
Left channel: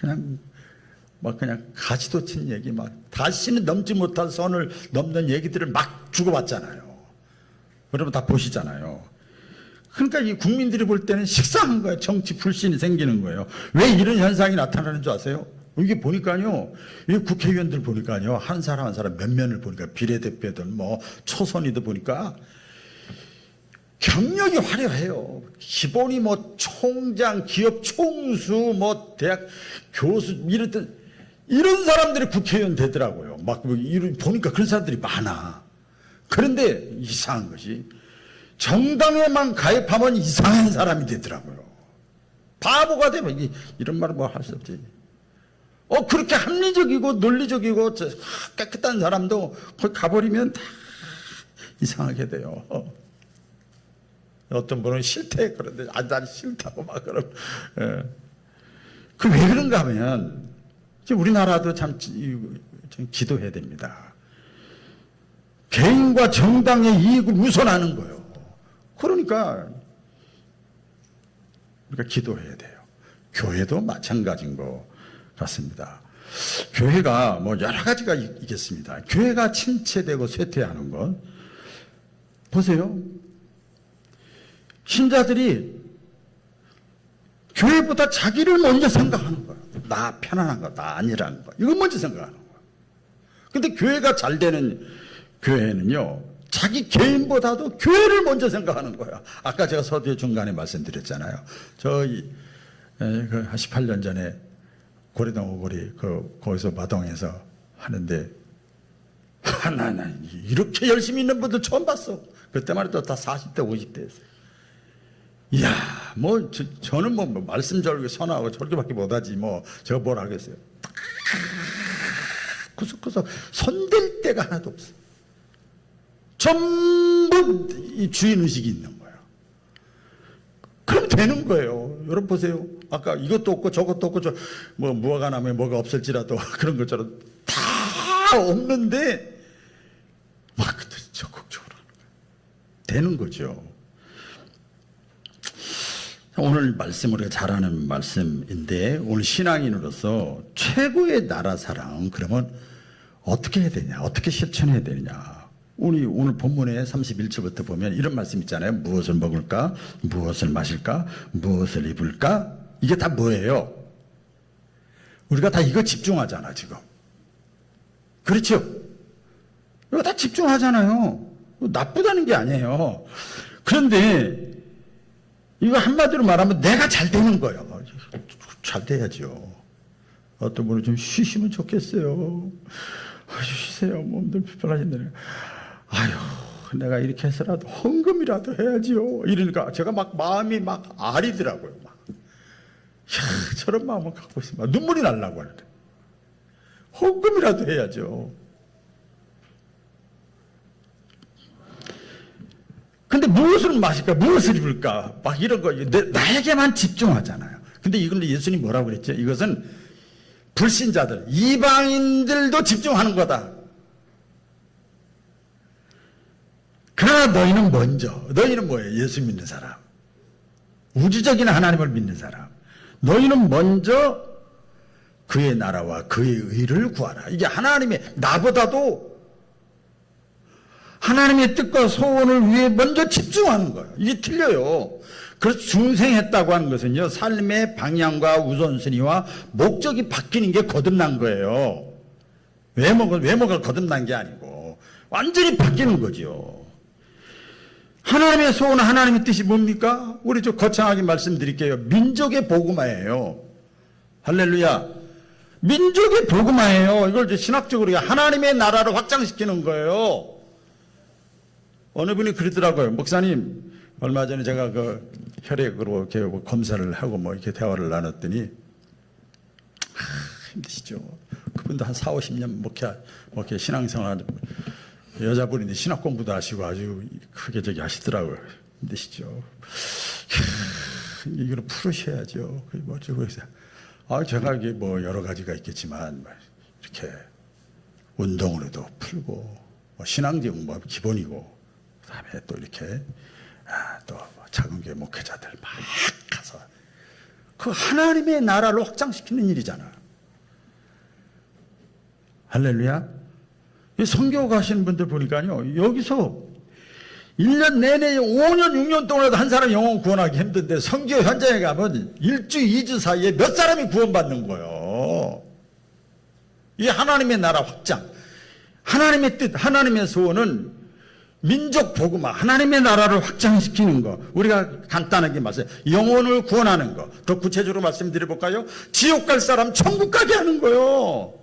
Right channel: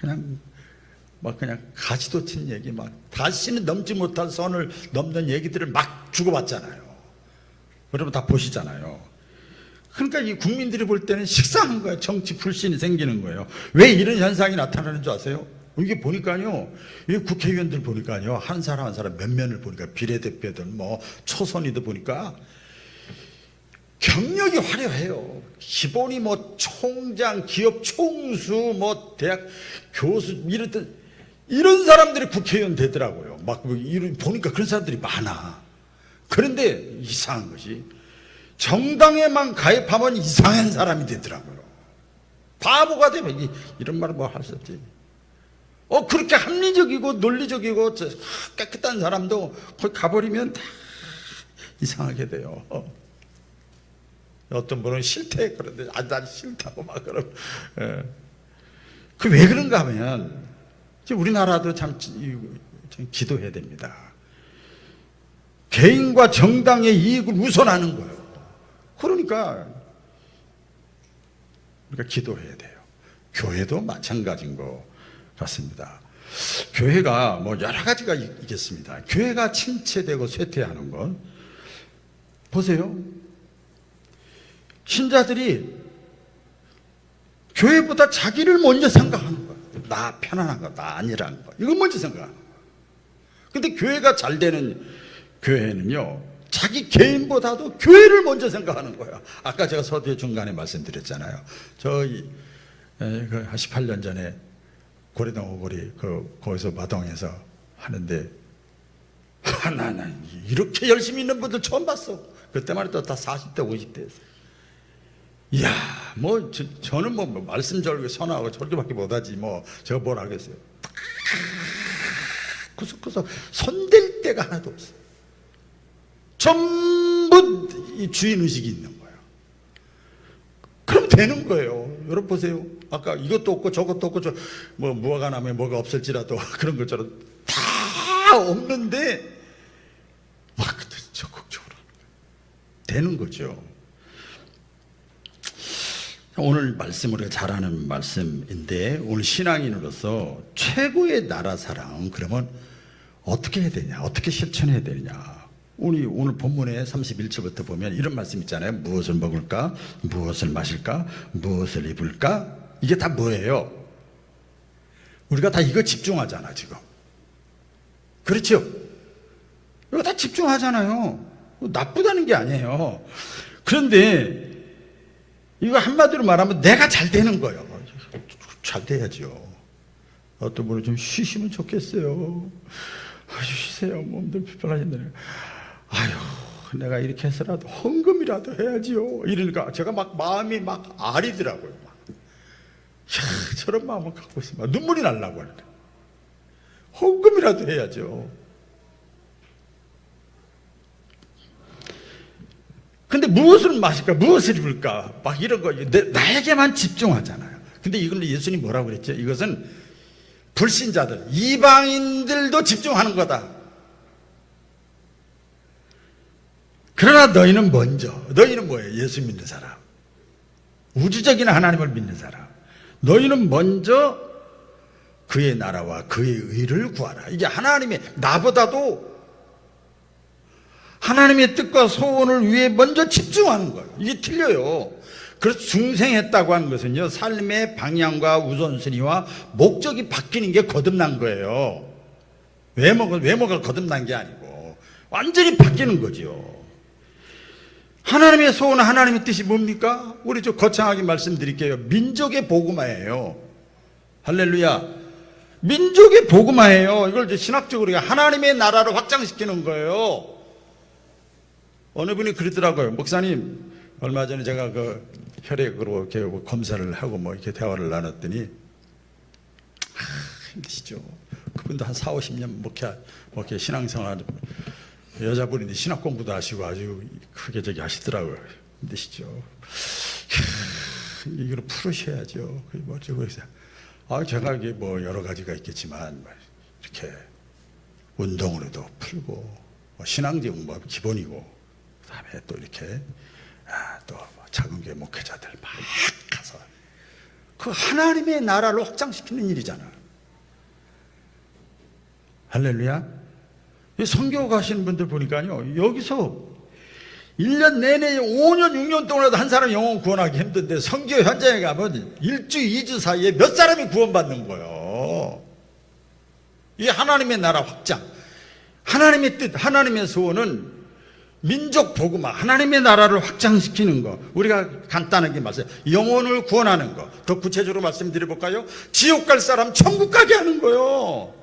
그냥 가지도 친 얘기 막 다시는 넘지 못할 선을 넘는 얘기들을 막 주고받잖아요. 여러분 다 보시잖아요. 그러니까 이 국민들이 볼 때는 식상한 거예요. 정치 불신이 생기는 거예요. 왜 이런 현상이 나타나는 줄 아세요? 이게 보니까요, 이 국회의원들 보니까요, 한 사람 한 사람 면면을 보니까 비례대표들 뭐 초선이도 보니까 경력이 화려해요. 기본이 뭐 총장, 기업 총수, 뭐 대학 교수 이런 사람들이 국회의원 되더라고요. 막 보니까 그런 사람들이 많아. 그런데 이상한 것이 정당에만 가입하면 이상한 사람이 되더라고요. 바보가 되면 이런 말은 뭐 할 수 없지. 그렇게 합리적이고 논리적이고 깨끗한 사람도 거기 가버리면 다 이상하게 돼요. 어떤 분은 싫대 그런데 난 싫다고 막 그럼. 그 왜 그런가 하면 우리나라도 참 기도해야 됩니다. 개인과 정당의 이익을 우선하는 거예요. 그러니까 우리가 기도해야 돼요. 교회도 마찬가지인 거 같습니다. 교회가 뭐 여러 가지가 있겠습니다. 교회가 침체되고 쇠퇴하는 것 보세요. 신자들이 교회보다 자기를 먼저 생각하는 거예요. 나 편안한 거, 나 아니라는 거. 이거 먼저 생각하는 거예요. 근데 교회가 잘 되는 교회는요, 자기 개인보다도 교회를 먼저 생각하는 거예요. 아까 제가 서두에 중간에 말씀드렸잖아요. 저희 그 18년 전에 고래동 오거리 거기서 마동에서 하는데 나 이렇게 열심히 있는 분들 처음 봤어. 그때만 해도 다 40대 50대였어요. 이야, 뭐 저는 뭐 말씀 절개 선하고 절개밖에 못하지 뭐 제가 뭘 하겠어요. 구석구석 손댈 데가 하나도 없어요. 전부 이 주인의식이 있는 거예요. 그럼 되는 거예요. 여러분 보세요. 아까 이것도 없고 저것도 없고 뭐 무화과 나무에 뭐가 없을지라도 그런 것처럼 다 없는데 막 적극적으로 되는 거죠. 오늘 말씀 우리가 잘 아는 말씀인데 오늘 신앙인으로서 최고의 나라 사랑 그러면 어떻게 해야 되냐, 어떻게 실천해야 되느냐. 우리 오늘 본문에 31절부터 보면 이런 말씀 있잖아요. 무엇을 먹을까, 무엇을 마실까, 무엇을 입을까. 이게 다 뭐예요? 우리가 다 이거 집중하잖아 지금. 그렇죠? 이거 다 집중하잖아요. 나쁘다는 게 아니에요. 그런데 이거 한마디로 말하면 내가 잘 되는 거예요. 잘 돼야죠. 어떤 분은 좀 쉬시면 좋겠어요. 쉬세요. 몸들 피곤하신다네. 아유, 내가 이렇게 해서라도 헌금이라도 해야지요. 이러니까 제가 막 마음이 막 아리더라고요. 야, 저런 마음을 갖고 있으면 눈물이 나려고 하는데 헌금이라도 해야죠. 근데 무엇을 마실까, 무엇을 입을까, 막 이런 거, 나에게만 집중하잖아요. 근데 이걸 예수님이 뭐라고 그랬죠? 이것은 불신자들, 이방인들도 집중하는 거다. 그러나 너희는 먼저, 너희는 뭐예요? 예수 믿는 사람. 우주적인 하나님을 믿는 사람. 너희는 먼저 그의 나라와 그의 의를 구하라. 이게 하나님의, 나보다도 하나님의 뜻과 소원을 위해 먼저 집중하는 거예요. 이게 틀려요. 그래서 중생했다고 하는 것은요, 삶의 방향과 우선순위와 목적이 바뀌는 게 거듭난 거예요. 외모가 거듭난 게 아니고 완전히 바뀌는 거죠. 하나님의 소원, 하나님의 뜻이 뭡니까? 우리 좀 거창하게 말씀드릴게요. 민족의 복음화예요. 할렐루야. 민족의 복음화예요. 이걸 신학적으로 하나님의 나라를 확장시키는 거예요. 어느 분이 그러더라고요. 목사님, 얼마 전에 제가 그 혈액으로 이렇게 검사를 하고 뭐 이렇게 대화를 나눴더니 힘드시죠. 그분도 한 4, 50년 목회 신앙생활 여자분인데 신학 공부도 하시고 아주 크게 저기 하시더라고요. 힘드시죠. 이걸 풀으셔야죠. 뭐 어쩌고 해서 제가 이게 뭐 여러 가지가 있겠지만 이렇게 운동으로도 풀고 신앙적인 뭐 기본이고 그다음에 또 이렇게 또 작은 교회 목회자들 막 가서 그 하나님의 나라를 확장시키는 일이잖아. 할렐루야. 선교 가시는 분들 보니까요, 여기서 1년 내내 5년 6년 동안도 한 사람 영혼 구원하기 힘든데 선교 현장에 가면 1주 2주 사이에 몇 사람이 구원받는 거예요. 이 하나님의 나라 확장, 하나님의 뜻, 하나님의 소원은 민족 복음화, 하나님의 나라를 확장시키는 거. 우리가 간단하게 말해서 영혼을 구원하는 거. 더 구체적으로 말씀드려볼까요? 지옥 갈 사람 천국 가게 하는 거예요.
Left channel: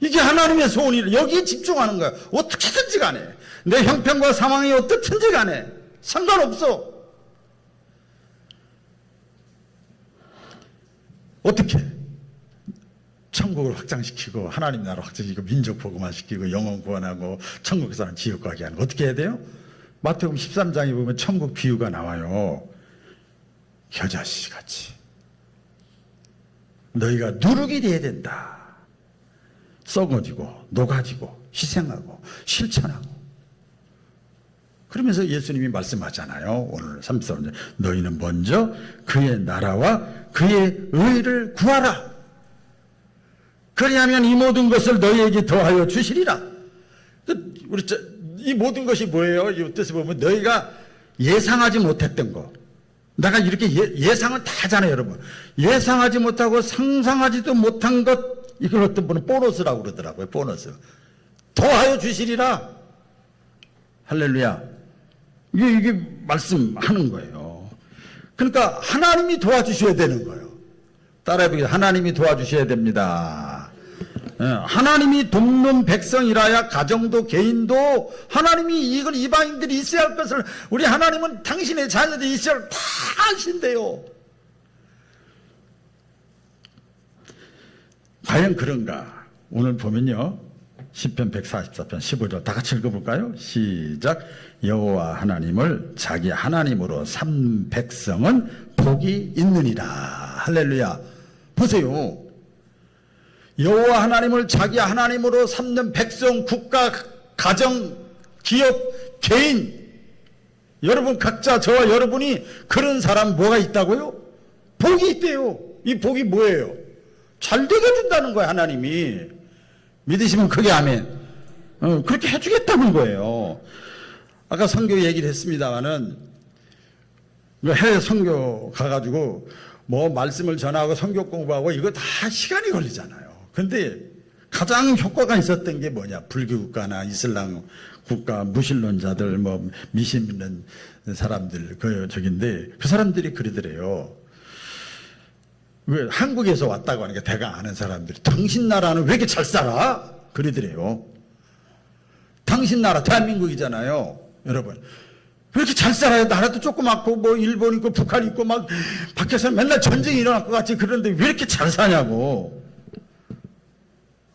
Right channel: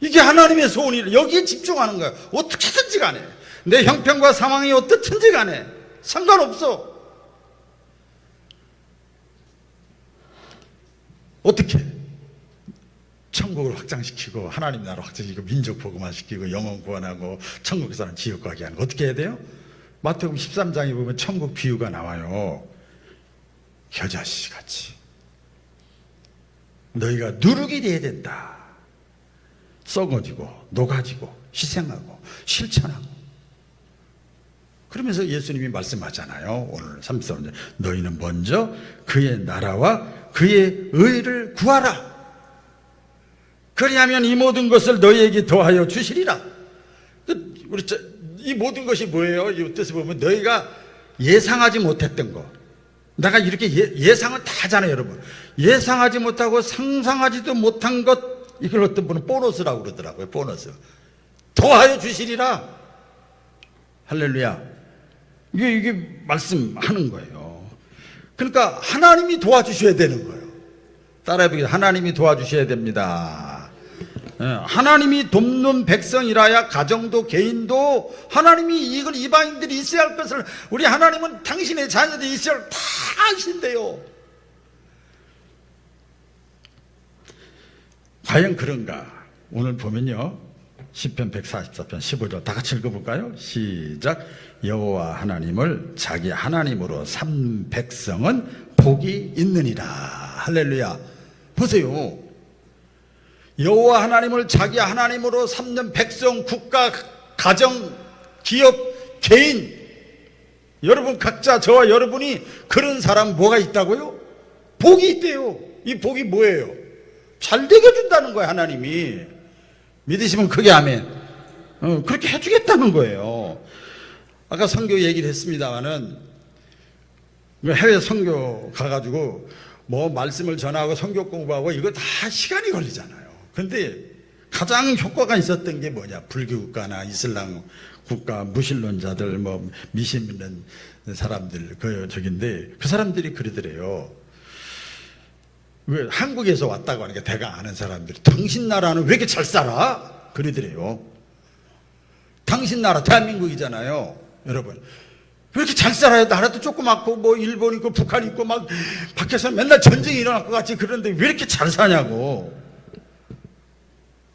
이게 하나님의 소원이에요. 여기에 집중하는 거예요. 어떻게든지 간에 내 형편과 상황이 어떻든지 간에 상관없어. 어떻게? 천국을 확장시키고 하나님 나라 확장시키고 민족 복음화시키고 영혼 구원하고 천국 사람 지옥 가게 하는 거 어떻게 해야 돼요? 마태복음 13장에 보면 천국 비유가 나와요. 겨자씨 같이 너희가 누룩이 돼야 된다. 썩어지고 녹아지고 희생하고 실천하고. 그러면서 예수님이 말씀하잖아요. 오늘 33절 너희는 먼저 그의 나라와 그의 의를 구하라. 그리하면 이 모든 것을 너희에게 더하여 주시리라. 이 모든 것이 뭐예요? 이 뜻을 보면 너희가 예상하지 못했던 것. 내가 이렇게 예상을 다 하잖아요, 여러분. 예상하지 못하고 상상하지도 못한 것, 이걸 어떤 분은 보너스라고 그러더라고요. 보너스. 더하여 주시리라. 할렐루야. 이게 말씀하는 거예요. 그러니까 하나님이 도와주셔야 되는 거예요. 따라해보겠습니다. 하나님이 도와주셔야 됩니다. 하나님이 돕는 백성이라야 가정도 개인도 하나님이 이걸 이방인들이 있어야 할 것을 우리 하나님은 당신의 자녀들이 있어야 할 다 아신대요. 과연 그런가? 오늘 보면요, 시편 144편 15절 다 같이 읽어볼까요? 시작. 여호와 하나님을 자기 하나님으로 삼는 백성은 복이 있느니라. 할렐루야. 보세요. 여호와 하나님을 자기 하나님으로 삼는 백성, 국가, 가정, 기업, 개인, 여러분 각자, 저와 여러분이 그런 사람 뭐가 있다고요? 복이 있대요. 이 복이 뭐예요? 잘 되게 해준다는 거예요. 하나님이. 믿으시면 크게 아멘. 그렇게 해주겠다는 거예요. 아까 선교 얘기를 했습니다마는 해외 선교 가가지고 뭐 말씀을 전하고 선교 공부하고 이거 다 시간이 걸리잖아요. 근데 가장 효과가 있었던 게 뭐냐? 불교 국가나 이슬람 국가, 무신론자들, 뭐 미신 믿는 사람들 저긴데 그 사람들이 그러더래요. 왜 한국에서 왔다고 하니까 대강 아는 사람들이 당신 나라는 왜 이렇게 잘 살아? 그러더래요. 당신 나라 대한민국이잖아요, 여러분. 왜 이렇게 잘 살아요? 나라도 조그맣고 뭐 일본 있고 북한 있고 막 밖에서 맨날 전쟁이 일어날 것 같이 그러는데 왜 이렇게 잘 사냐고.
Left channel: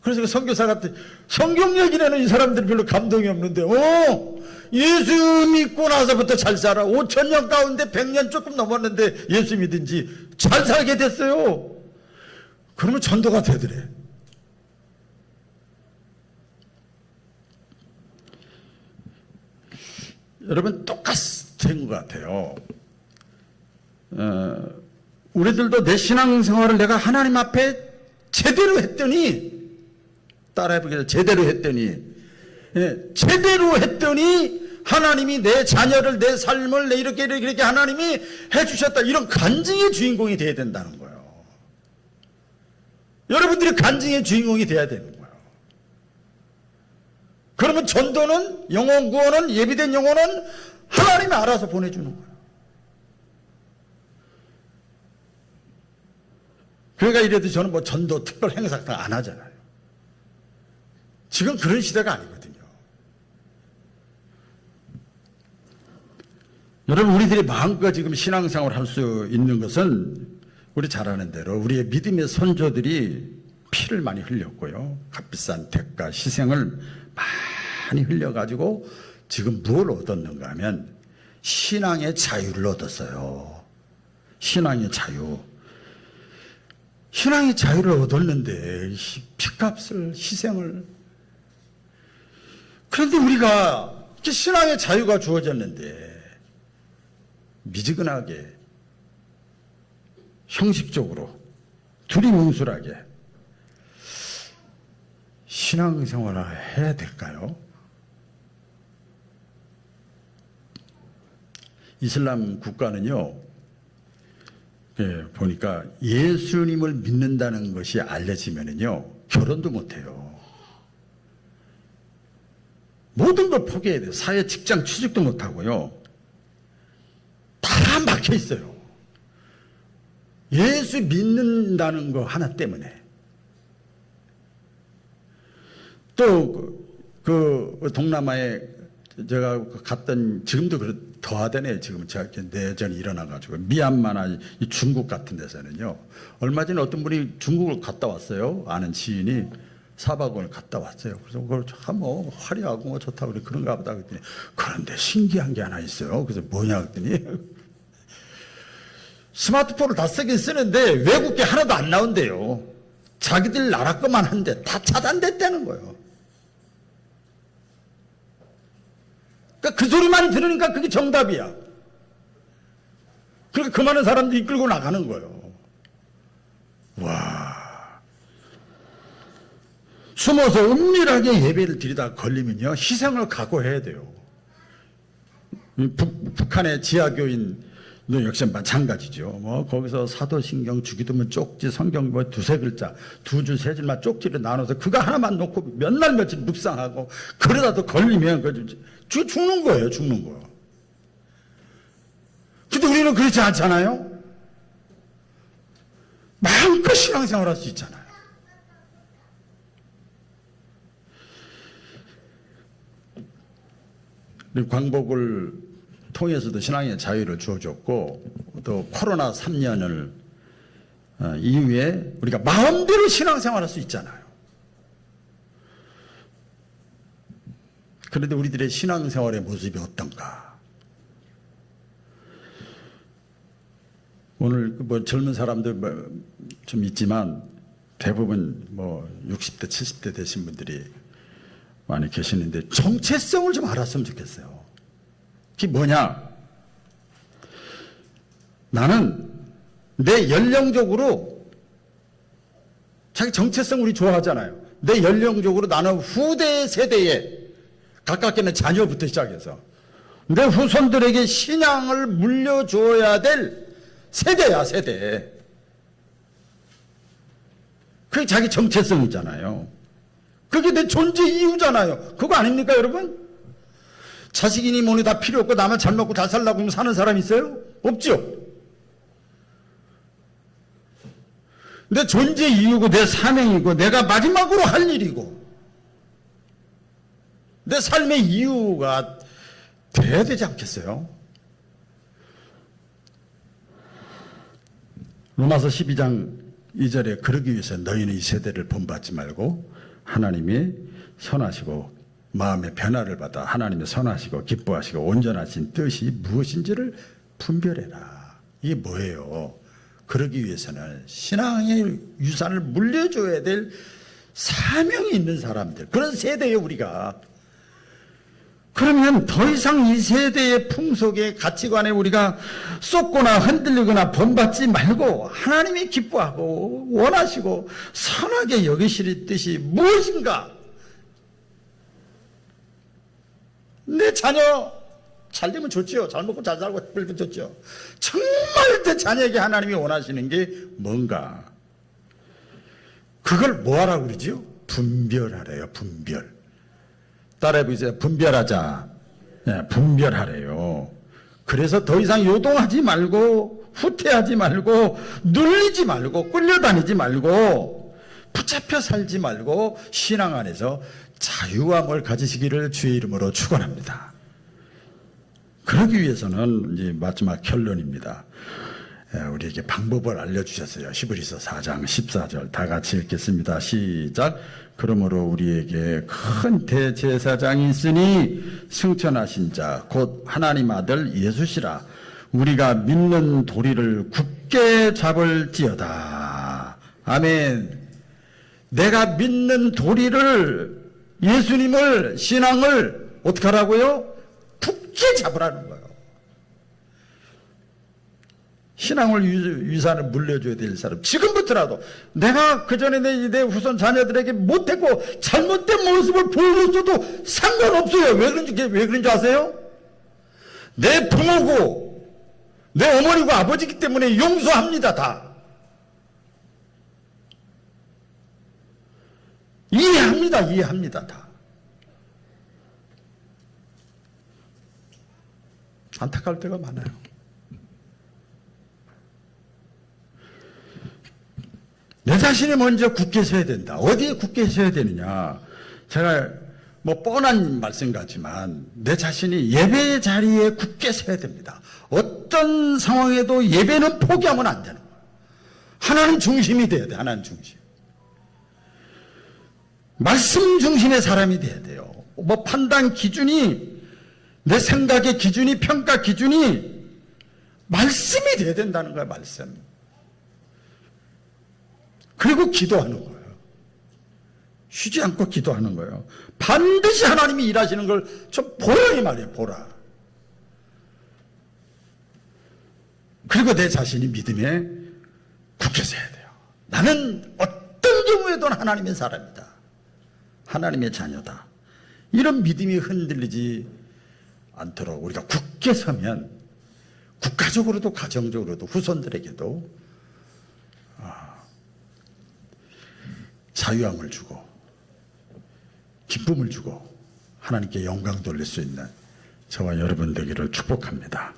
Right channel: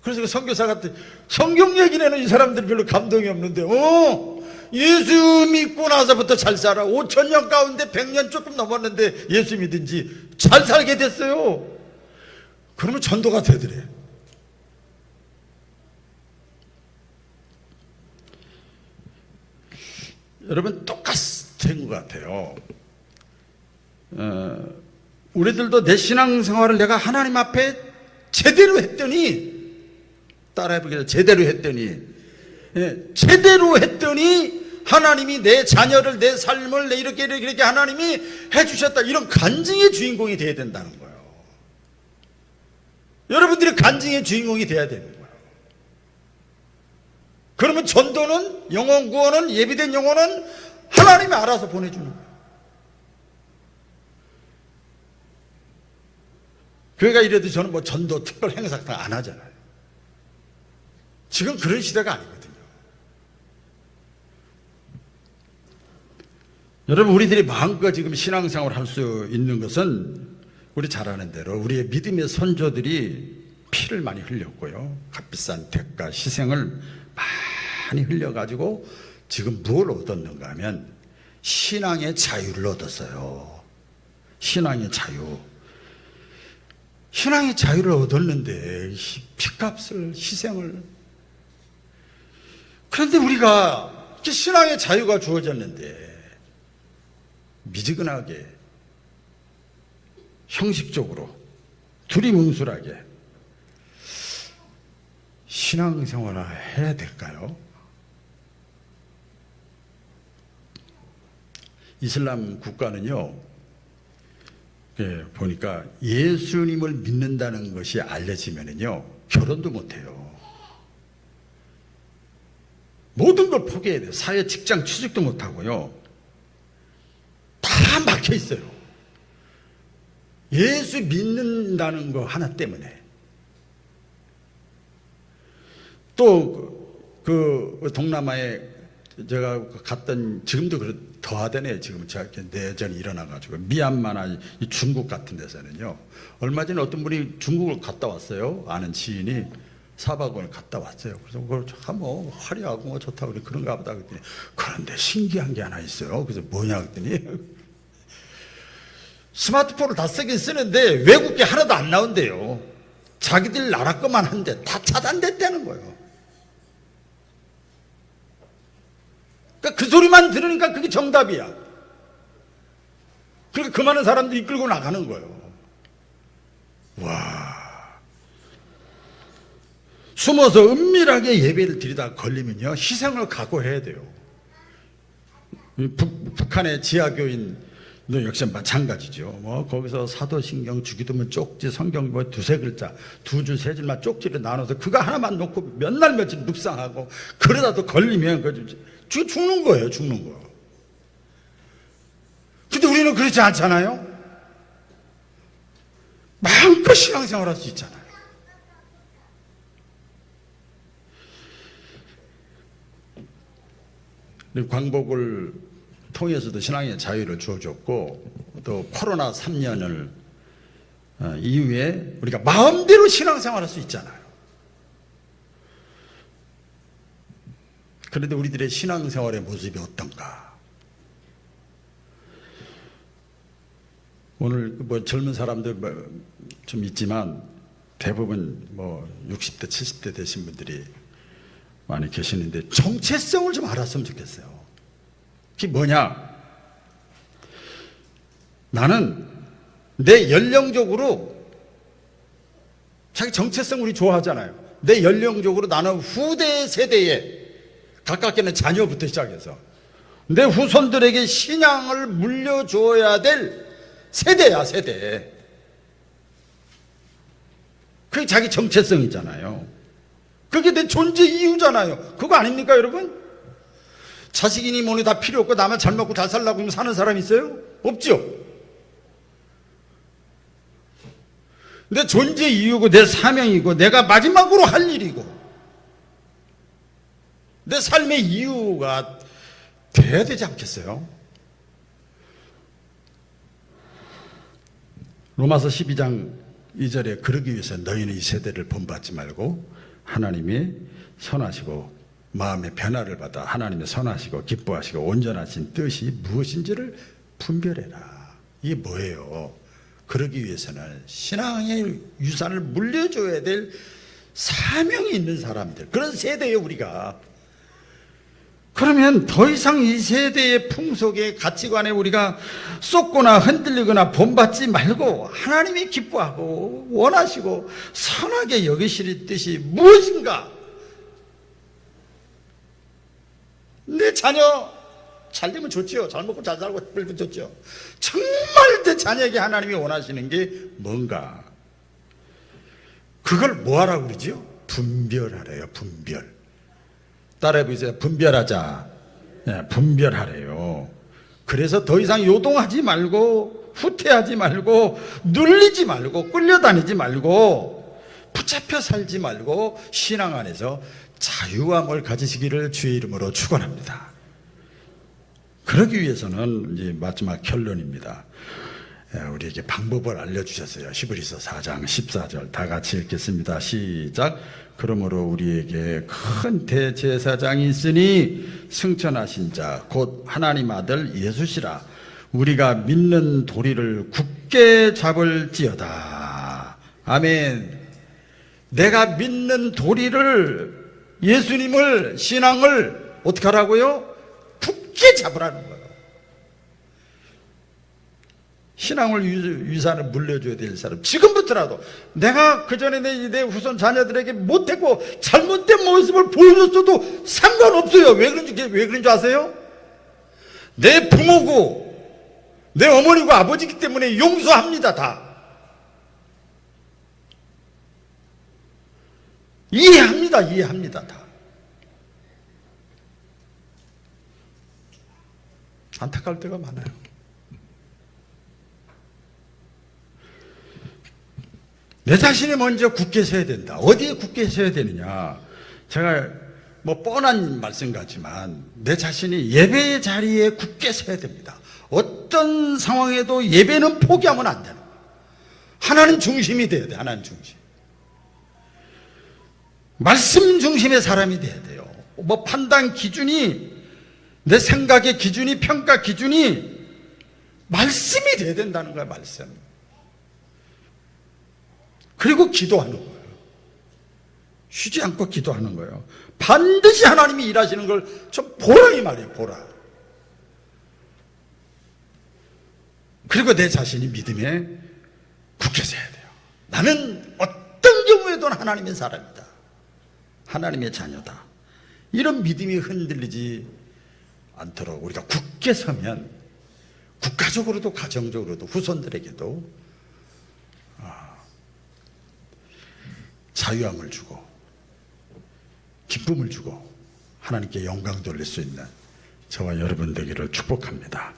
그래서 그 선교사가 성경 얘기를 하는 이 사람들이 별로 감동이 없는데 예수 믿고 나서부터 잘 살아. 5,000년 가운데 100년 조금 넘었는데 예수 믿은지 잘 살게 됐어요. 그러면 전도가 되더래. 여러분 똑같은 것 같아요. 우리들도 내 신앙생활을 내가 하나님 앞에 제대로 했더니, 따라해보겠습니다. 제대로 했더니 하나님이 내 자녀를, 내 삶을 이렇게 하나님이 해주셨다. 이런 간증의 주인공이 되어야 된다는 거예요. 여러분들이 간증의 주인공이 되어야 되는 거예요. 그러면 전도는, 영혼 구원은, 예비된 영혼은 하나님이 알아서 보내주는 거예요. 그러니까 이래도 저는 뭐 전도 특별 행사 같은 거 안 하잖아요. 지금 그런 시대가 아니거든요. 여러분, 우리들이 마음껏 지금 신앙생활을 할 수 있는 것은 우리 잘 아는 대로 우리의 믿음의 선조들이 피를 많이 흘렸고요. 값비싼 대가, 희생을 많이 흘려가지고 지금 뭘 얻었는가 하면 신앙의 자유를 얻었어요. 신앙의 자유. 신앙의 자유를 얻었는데 피값을, 희생을. 그런데 우리가 신앙의 자유가 주어졌는데 미지근하게, 형식적으로, 두리뭉술하게 신앙생활을 해야 될까요? 이슬람 국가는요, 보니까 예수님을 믿는다는 것이 알려지면은요, 결혼도 못해요. 모든 걸 포기해야 돼요. 사회, 직장, 취직도 못하고요. 다 막혀 있어요. 예수 믿는다는 거 하나 때문에. 또 그 동남아에 제가 갔던, 지금도 더하다네요. 지금 제가 내전이 일어나가지고 미얀마나 중국 같은 데서는요. 얼마 전에 어떤 분이 중국을 갔다 왔어요. 아는 지인이 4박을 갔다 왔어요. 그래서 그걸 뭐 화려하고 뭐 좋다고 그런가 보다 그랬더니, 그런데 신기한 게 하나 있어요. 그래서 뭐냐 그랬더니 스마트폰을 다 쓰긴 쓰는데 외국계 하나도 안 나온대요. 자기들 나라 것만 한데 다 차단됐다는 거예요. 그러니까 그 소리만 들으니까 그게 정답이야. 그러니까 그 많은 사람들이 이끌고 나가는 거예요. 숨어서 은밀하게 예배를 드리다가 걸리면요, 희생을 각오해야 돼요. 북한의 지하교인도 역시 마찬가지죠. 뭐 거기서 사도신경 주기도문 쪽지 성경 뭐 두세 글자, 두 줄 세 줄만 쪽지를 나눠서 그거 하나만 놓고 몇 날 며칠 묵상하고 그러다도 걸리면 죽는 거예요, 죽는 거. 근데 우리는 그렇지 않잖아요. 마음껏 신앙생활할 수 있잖아요. 광복을 통해서도 신앙의 자유를 주어줬고, 또 코로나 3년을 이후에 우리가 마음대로 신앙생활할 수 있잖아요. 그런데 우리들의 신앙생활의 모습이 어떤가? 오늘 뭐 젊은 사람들 좀 있지만 대부분 뭐 60대, 70대 되신 분들이 많이 계시는데 정체성을 좀 알았으면 좋겠어요. 그게 뭐냐? 나는 내 연령적으로, 자기 정체성 우리 좋아하잖아요. 내 연령적으로 나는 후대 세대에, 가깝게는 자녀부터 시작해서 내 후손들에게 신앙을 물려줘야 될 세대야, 세대. 그게 자기 정체성이잖아요. 그게 내 존재 이유잖아요. 그거 아닙니까, 여러분? 자식이니 뭐니 다 필요 없고 나만 잘 먹고 잘 살라고 하면 사는 사람 있어요? 없죠. 내 존재 이유고 내 사명이고 내가 마지막으로 할 일이고 내 삶의 이유가 돼야 되지 않겠어요? 로마서 12장 2절에 그러기 위해서 너희는 이 세대를 본받지 말고 하나님이 선하시고 마음의 변화를 받아 하나님의 선하시고 기뻐하시고 온전하신 뜻이 무엇인지를 분별해라. 이게 뭐예요? 그러기 위해서는 신앙의 유산을 물려줘야 될 사명이 있는 사람들, 그런 세대예요, 우리가. 그러면 더 이상 이 세대의 풍속의 가치관에 우리가 쏟거나 흔들리거나 본받지 말고 하나님이 기뻐하고 원하시고 선하게 여기실 뜻이 무엇인가? 내 자녀 잘 되면 좋지요. 잘 먹고 잘 살고 그래도 좋죠. 정말 내 자녀에게 하나님이 원하시는 게 뭔가? 그걸 뭐하라고 그러지요? 분별하래요. 분별. 따라해보세요. 분별하자. 네, 분별하래요. 그래서 더 이상 요동하지 말고 후퇴하지 말고 눌리지 말고 끌려다니지 말고 붙잡혀 살지 말고 신앙 안에서 자유함을 가지시기를 주의 이름으로 축원합니다. 그러기 위해서는 이제 마지막 결론입니다. 우리에게 방법을 알려주셨어요. 히브리서 4장 14절 다 같이 읽겠습니다. 시작. 그러므로 우리에게 큰 대제사장이 있으니 승천하신 자 곧 하나님 아들 예수시라. 우리가 믿는 도리를 굳게 잡을지어다. 아멘. 내가 믿는 도리를, 예수님을, 신앙을 어떻게 하라고요? 굳게 잡으라는 거예요. 신앙을 유산을 물려줘야 될 사람, 지금부터라도 내가 그전에 내 후손 자녀들에게 못했고 잘못된 모습을 보여줬어도 상관없어요. 왜 그런지 아세요? 내 부모고 내 어머니고 아버지기 때문에 용서합니다. 다 이해합니다. 다 안타까울 때가 많아요. 내 자신이 먼저 굳게 서야 된다. 어디에 굳게 서야 되느냐? 제가 뭐 뻔한 말씀 같지만 내 자신이 예배의 자리에 굳게 서야 됩니다. 어떤 상황에도 예배는 포기하면 안 되는 거예요. 하나님 중심이 돼야 돼. 하나님 중심. 말씀 중심의 사람이 돼야 돼요. 뭐 판단 기준이, 내 생각의 기준이, 평가 기준이 말씀이 돼야 된다는 거야. 말씀. 그리고 기도하는 거예요. 쉬지 않고 기도하는 거예요. 반드시 하나님이 일하시는 걸 좀 보라 이 말이에요. 보라. 그리고 내 자신이 믿음에 굳게 서야 돼요. 나는 어떤 경우에도 하나님의 사람이다. 하나님의 자녀다. 이런 믿음이 흔들리지 않도록 우리가 굳게 서면 국가적으로도 가정적으로도 후손들에게도 자유함을 주고 기쁨을 주고 하나님께 영광 돌릴 수 있는 저와 여러분 되기를 축복합니다.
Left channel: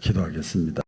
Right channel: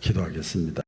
기도하겠습니다.